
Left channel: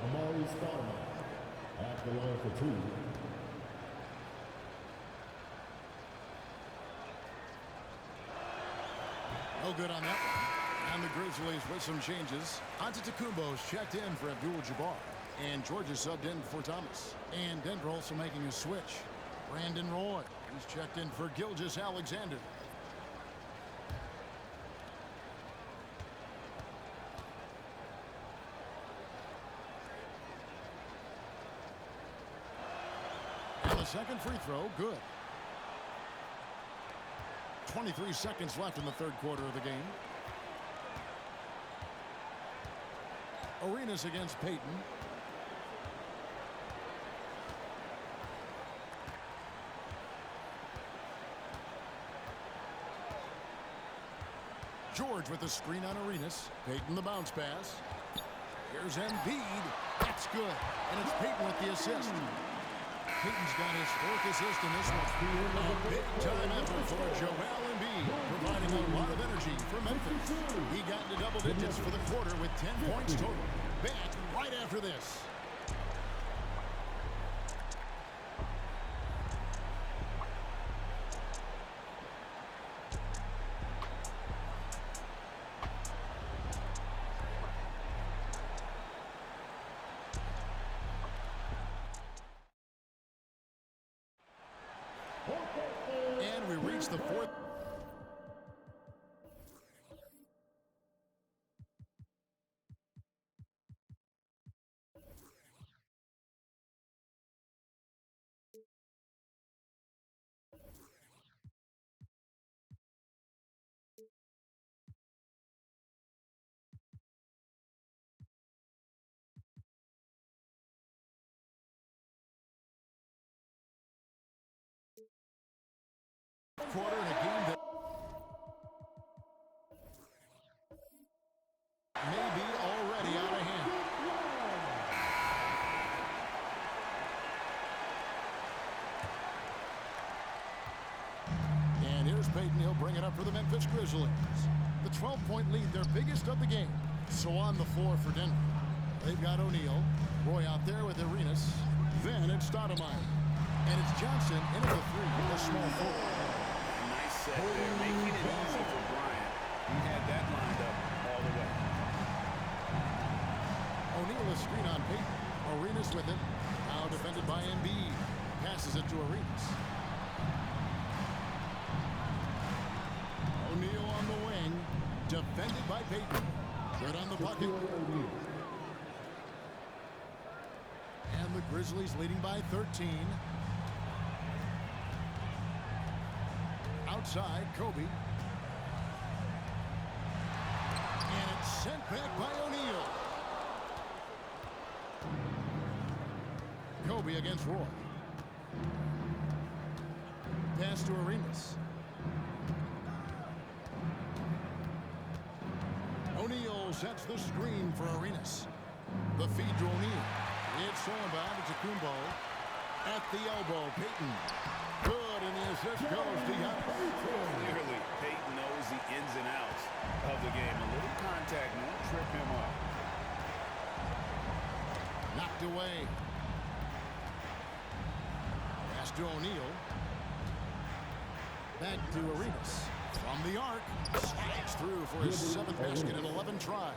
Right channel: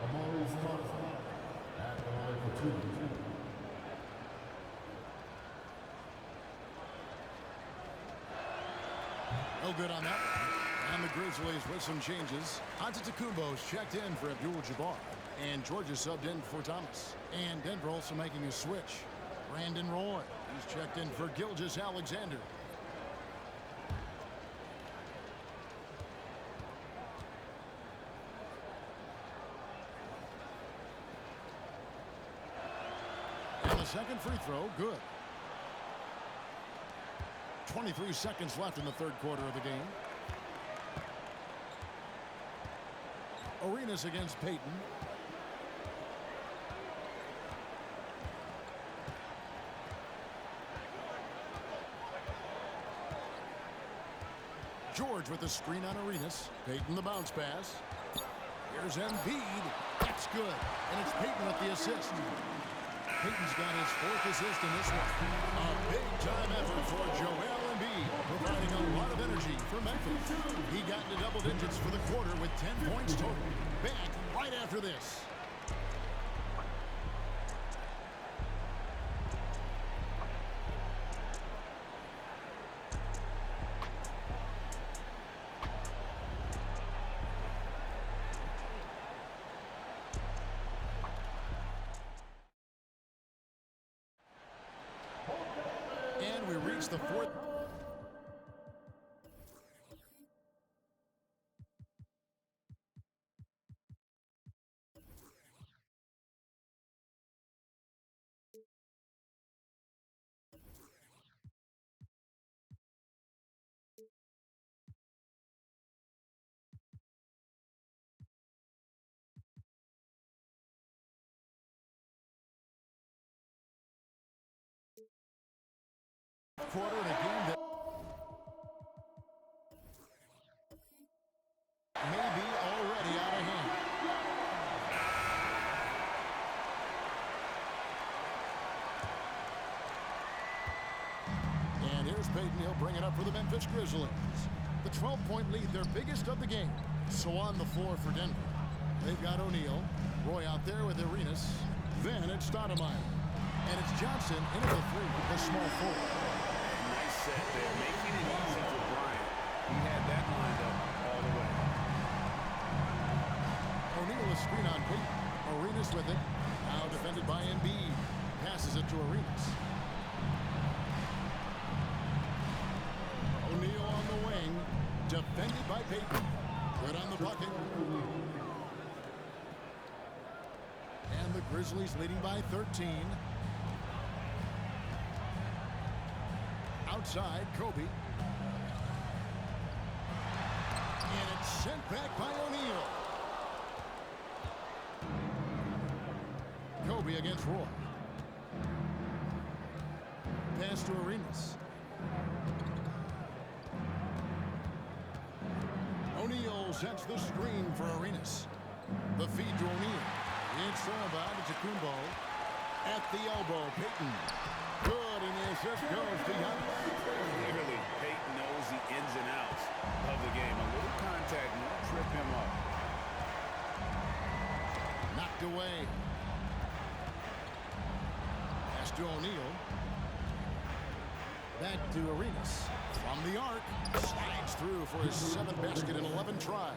Amari Stoudemire at the line for two. No good on that one. And the Grizzlies with some changes. Antetokounmpo's checked in for Abdul-Jabbar. And Georgia subbed in for Thomas. And Denver also making a switch. Brandon Roy. He's checked in for Gilgeous-Alexander. And the second free throw, good. 23 seconds left in the third quarter of the game. Arenas against Payton. George with the screen on Arenas. Payton the bounce pass. Here's Embiid. That's good. And it's Payton with the assist. Payton's got his 4th assist in this one. A big-time effort for Joel Embiid, providing a lot of energy for Memphis. He got into double digits for the quarter with 10 points total. Back right after this. And we reach the 4th. Quarter in a game that And here's Peyton. He'll bring it up for the Memphis Grizzlies. The 12-point lead, their biggest of the game. So on the floor for Denver. They've got O'Neal. Roy out there with Arenas. Then it's Stoudemire. And it's Johnson into the three, the small forward. Nice set there, making it easy for Bryant. He had that lined up all the way. O'Neal a screen on Peyton. Arenas with it. Now defended by Embiid. Passes it to Arenas. O'Neal on the wing. Defended by Peyton. Good on the bucket. And the Grizzlies leading by 13. Outside, Kobe. And it's sent back by O'Neal. Kobe against Roy. Pass to Arenas. O'Neal sets the screen for Arenas. The feed to O'Neal. It's stolen by Antetokounmpo. At the elbow, Peyton. Good, and the assist goes to Giannis. Clearly, Peyton knows the ins and outs of the game. A little contact won't trip him up. Knocked away. Pass to O'Neal. Back to Arenas. From the arc. Slides through for his 7th basket in 11 tries.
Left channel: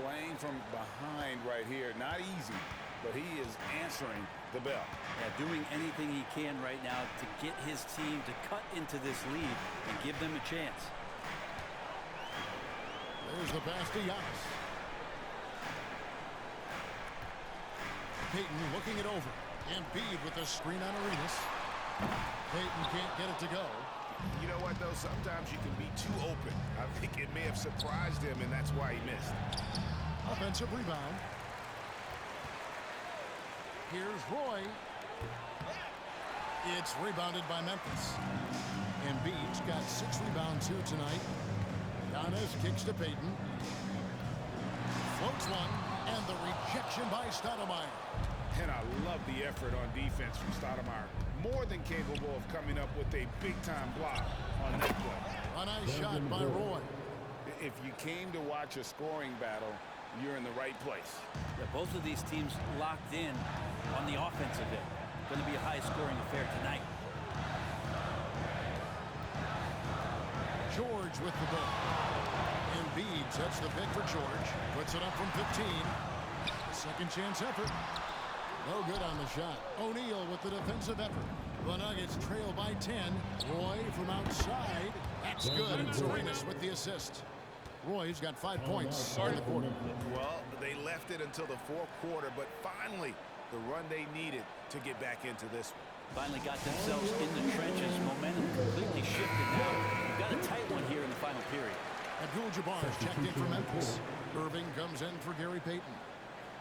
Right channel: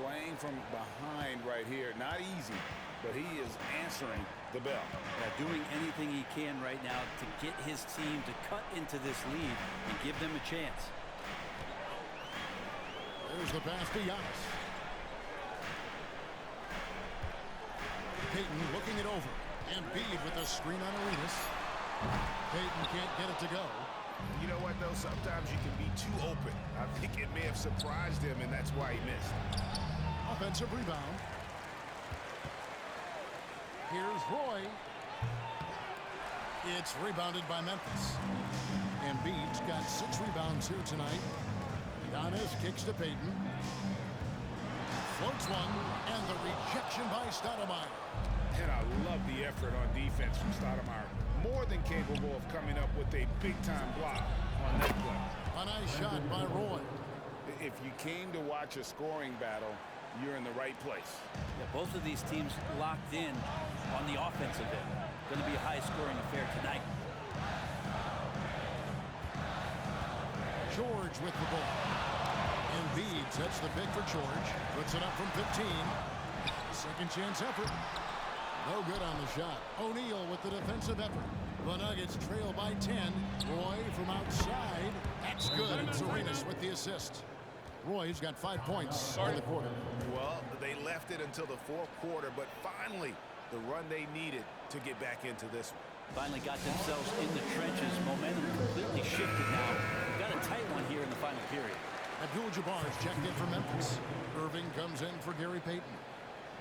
Playing from behind right here. Not easy, but he is answering the bell. Yeah, doing anything he can right now to get his team to cut into this lead and give them a chance. There's the pass to Giannis. Peyton looking it over. Embiid with the screen on Arenas. Peyton can't get it to go. You know what, though? Sometimes you can be too open. I think it may have surprised him, and that's why he missed. Offensive rebound. Here's Roy. It's rebounded by Memphis. Embiid's got 6 rebounds here tonight. Giannis kicks to Peyton. Floats one, and the rejection by Stoudemire. And I love the effort on defense from Stoudemire. More than capable of coming up with a big-time block on that play. A nice shot by Roy. If you came to watch a scoring battle, you're in the right place. Yeah, both of these teams locked in on the offensive end. Going to be a high-scoring affair tonight. George with the ball. Embiid sets the pick for George. Puts it up from 15. Second chance effort. No good on the shot. O'Neal with the defensive effort. The Nuggets trail by 10. Roy from outside. That's good. And Arenas with the assist. Roy's got 5 points in the quarter. Well, they left it until the fourth quarter, but finally the run they needed to get back into this one. Finally got themselves in the trenches. Momentum completely shifted now. We've got a tight one here in the final period. Abdul-Jabbar's checked in for Memphis. Irving comes in for Gary Payton.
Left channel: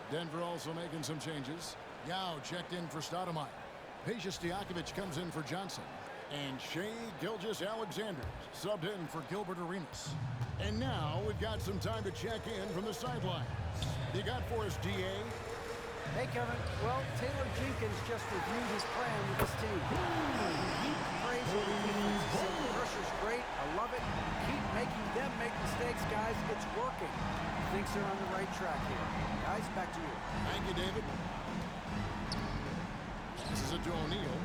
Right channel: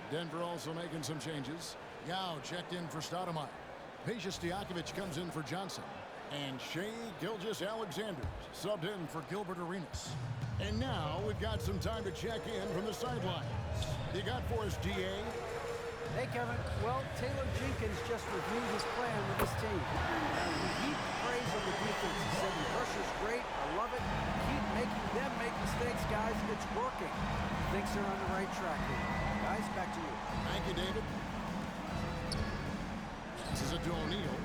Denver also making some changes. Yao checked in for Stoudemire. Peja Stojakovic comes in for Johnson. And Shai Gilgeous-Alexander subbed in for Gilbert Arenas. And now we've got some time to check in from the sidelines. You got for us, DA? Hey, Kevin. Well, Taylor Jenkins just reviewed his plan with his team. Now, he heaped praise on the defense. He said, the pressure's great. I love it. Keep making them make mistakes, guys. It's working. He thinks they're on the right track here. Guys, back to you. Thank you, David. Passes it to O'Neal.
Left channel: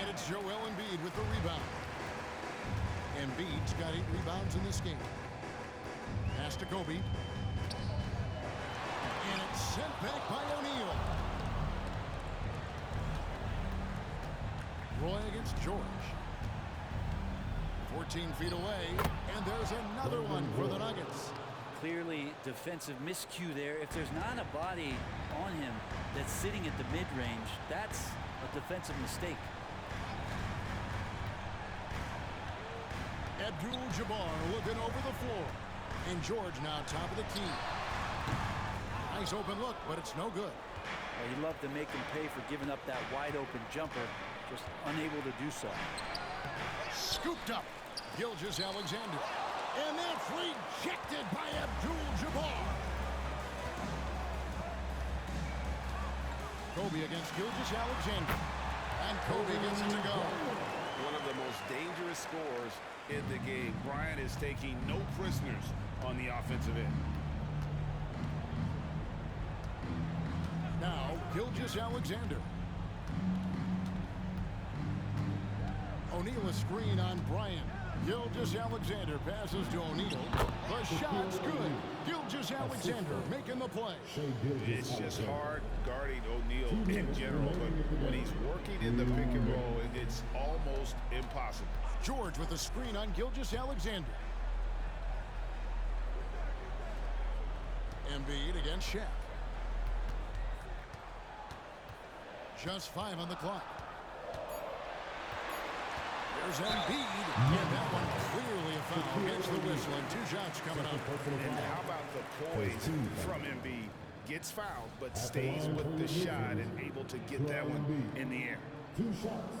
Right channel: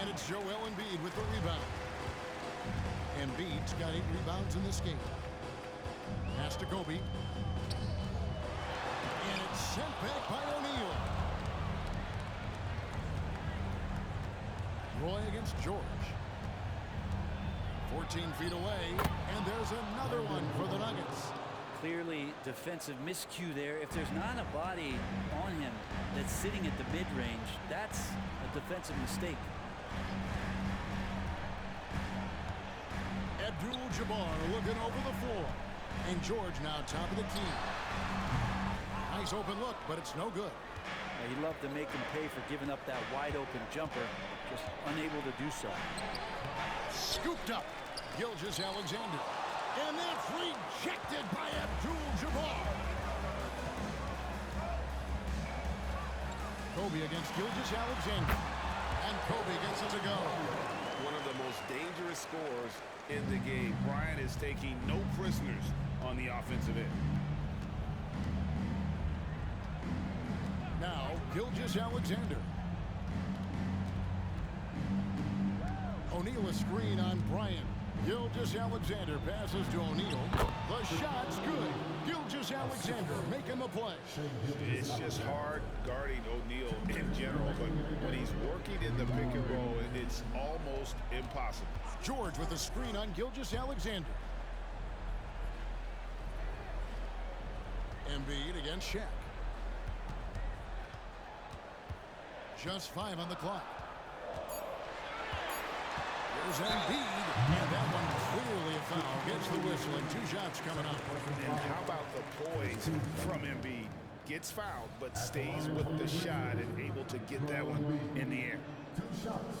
And it's Joel Embiid with the rebound. Embiid's got 8 rebounds in this game. Pass to Kobe. And it's sent back by O'Neal. Roy against George. 14 feet away, and there's another one for the Nuggets. Clearly defensive miscue there. If there's not a body on him that's sitting at the mid-range, that's a defensive mistake. Abdul-Jabbar looking over the floor. And George now top of the key. Nice open look, but it's no good. He loved to make him pay for giving up that wide-open jumper, just unable to do so. Scooped up. Gilgeous-Alexander. And that's rejected by Abdul-Jabbar. Kobe against Gilgeous-Alexander. And Kobe gets it to go. One of the most dangerous scorers in the game. Bryant is taking no prisoners on the offensive end. Now, Gilgeous-Alexander. O'Neal a screen on Bryant. Gilgeous-Alexander passes to O'Neal. The shot's good. Gilgeous-Alexander making the play. It's just hard guarding O'Neal in general, but when he's working in the pick and roll, it's almost impossible. George with a screen on Gilgeous-Alexander. Embiid against Shaq. Just 5 on the clock. Here's Embiid, and that one clearly a foul. Gets the whistle, and 2 shots coming up. And how about the poise from Embiid? Gets fouled, but stays with the shot and able to get that one in the air. 2 shots.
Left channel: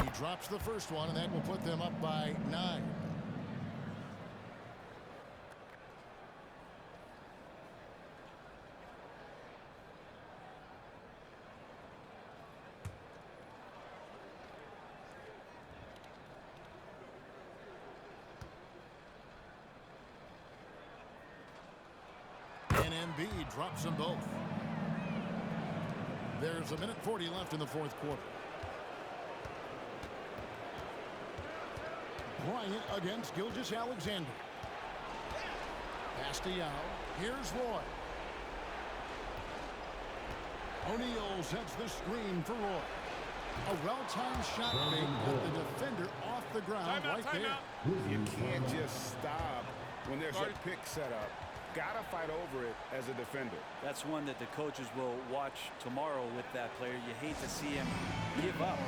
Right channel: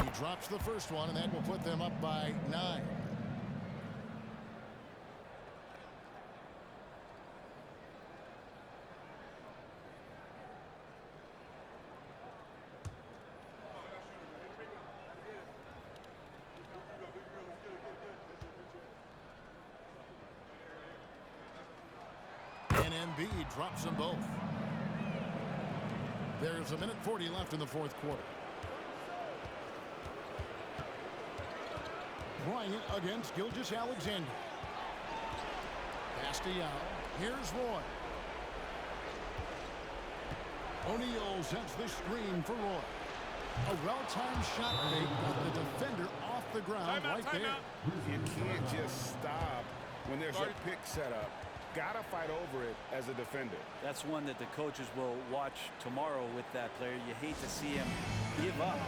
He drops the first one, and that will put them up by 9. And Embiid drops them both. There's 1:40 left in the 4th quarter. Bryant against Gilgeous-Alexander. Pass to Yao. Here's Roy. O'Neal sets the screen for Roy. A well-timed shot fake got the defender off the ground right there. You can't just stop when there's a pick set up. Gotta fight over it as a defender. That's one that the coaches will watch tomorrow with that player. You hate to see him give up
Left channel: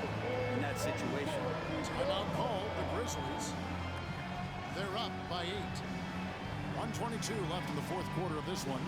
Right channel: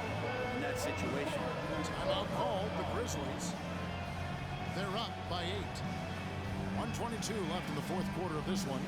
in that situation. Timeout called, the Grizzlies. They're up by 8. 1:22 left in the 4th quarter of this one.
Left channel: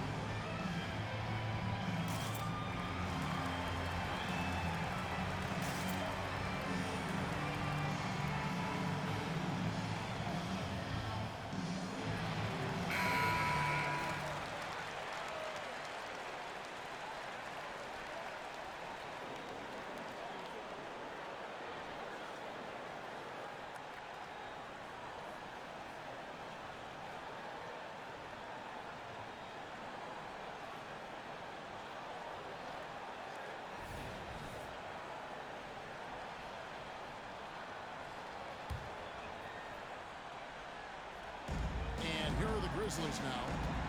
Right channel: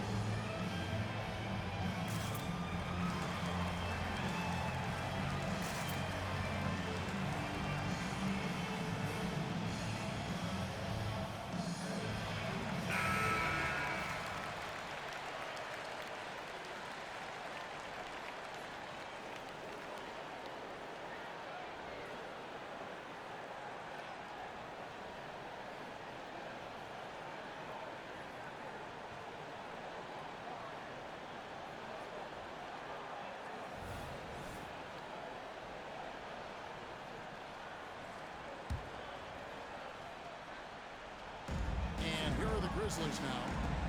And here are the Grizzlies now.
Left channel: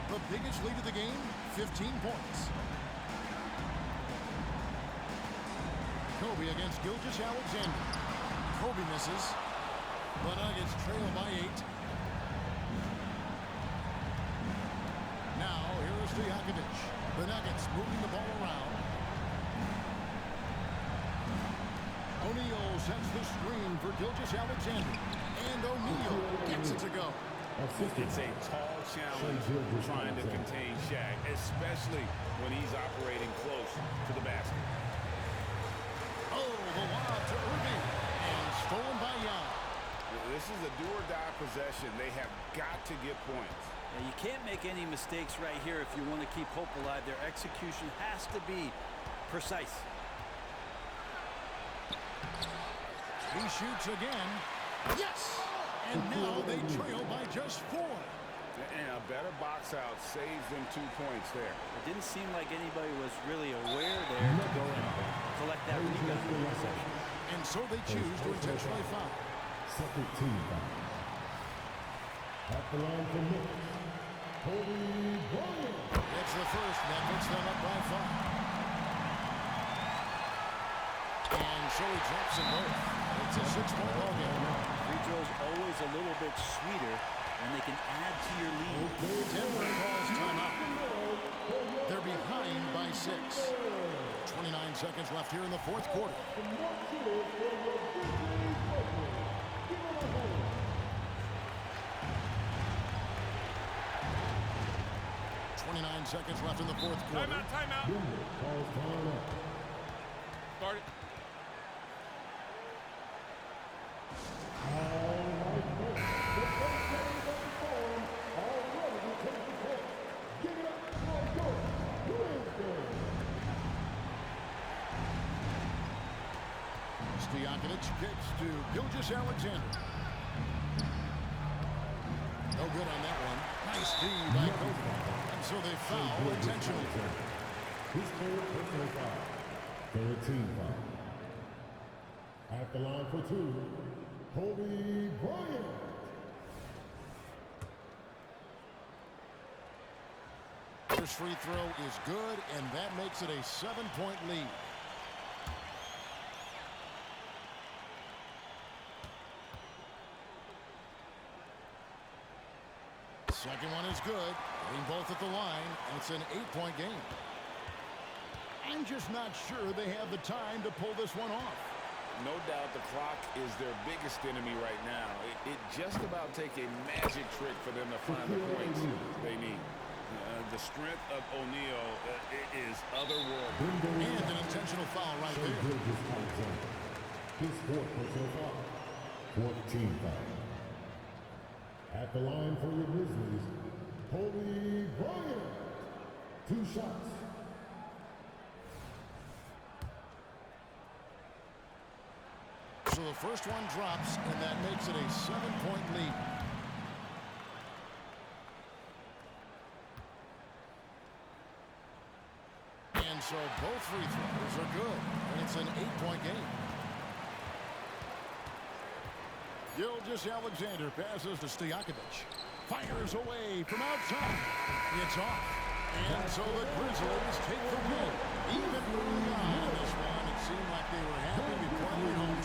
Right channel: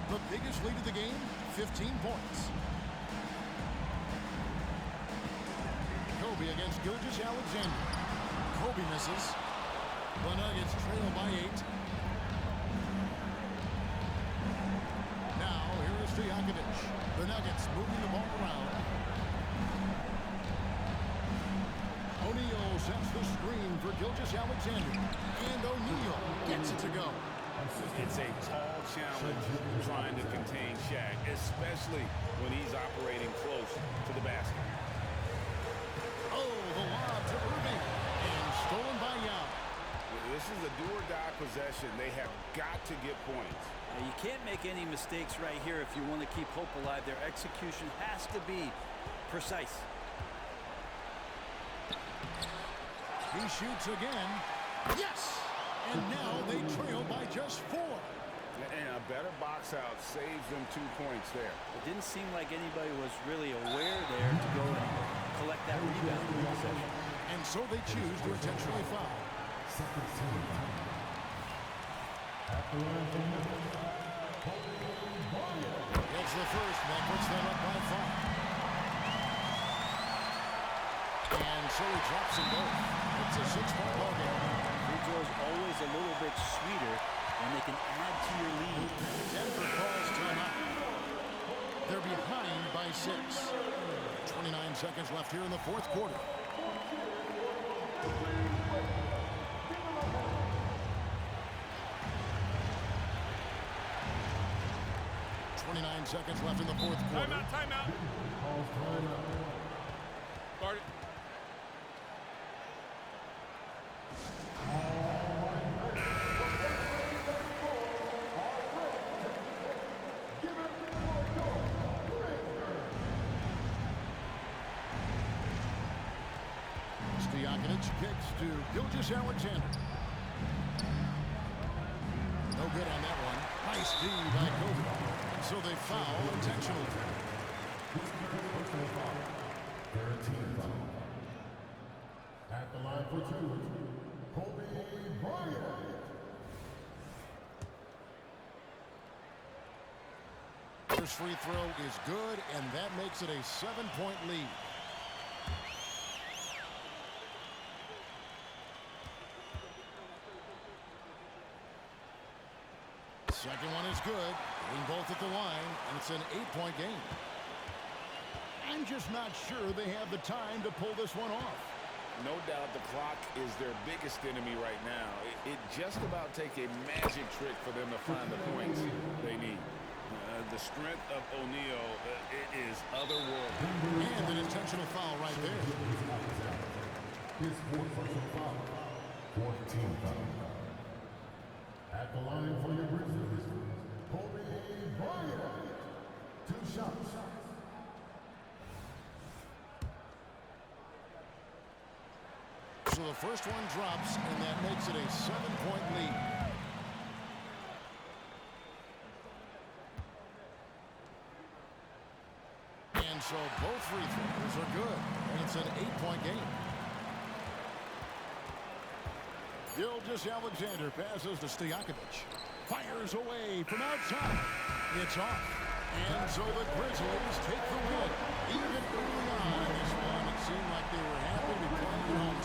The biggest lead of the game, 15 points. Kobe against Gilgeous-Alexander. Kobe misses. The Nuggets trail by 8. Now, here is Stojakovic. The Nuggets moving the ball around. O'Neal sets the screen for Gilgeous-Alexander. And O'Neal gets it to go. It's a tall challenge trying to contain Shaq, especially when he's operating close to the basket. Oh, the lob to Irving. And stolen by Yao. This is a do-or-die possession. They have got to get points. Now, you can't make any mistakes right here if you want to keep hope alive. Their execution has to be precise. He shoots again. Yes! And now they trail by just 4. And a better box out saves them 2 points there. It didn't seem like anybody was really aware there to go and collect that rebound in the possession. And so they choose to intentionally foul. Second team. At the line for Memphis, Kobe Bryant. Gets the first, and that puts them up by 5. And so he drops them both. It's a 6-point ball game. Free throws always a little bit sweeter when they can add to your lead. Denver calls timeout. They're behind by 6. 29 seconds left here in the 4th quarter. Seconds left in the 4th quarter. Timeout. Calls timeout. Start it. Stojakovic kicks to Gilgeous-Alexander. No good on that one. Nice D by Kobe. And so they foul intentionally. His third personal foul. Third team foul. At the line for two, Kobe Bryant. First free throw is good, and that makes it a 7-point lead. Second one is good. Hitting both at the line, and it's an 8-point game. I'm just not sure they have the time to pull this one off. No doubt the clock is their biggest enemy right now. It just about take a magic trick for them to find the points they need. The strength of O'Neal is otherworldly. And an intentional foul right there. His fourth personal foul. Fourth team foul. At the line for your Grizzlies, Kobe Bryant. 2 shots. So the first one drops, and that makes it a 7-point lead. And so both free throws are good, and it's an 8-point game. Gilgeous-Alexander passes to Stojakovic. Fires away from outside. It's off. And so the Grizzlies take the win. Even early on in this one, it seemed like they were happy to be playing at home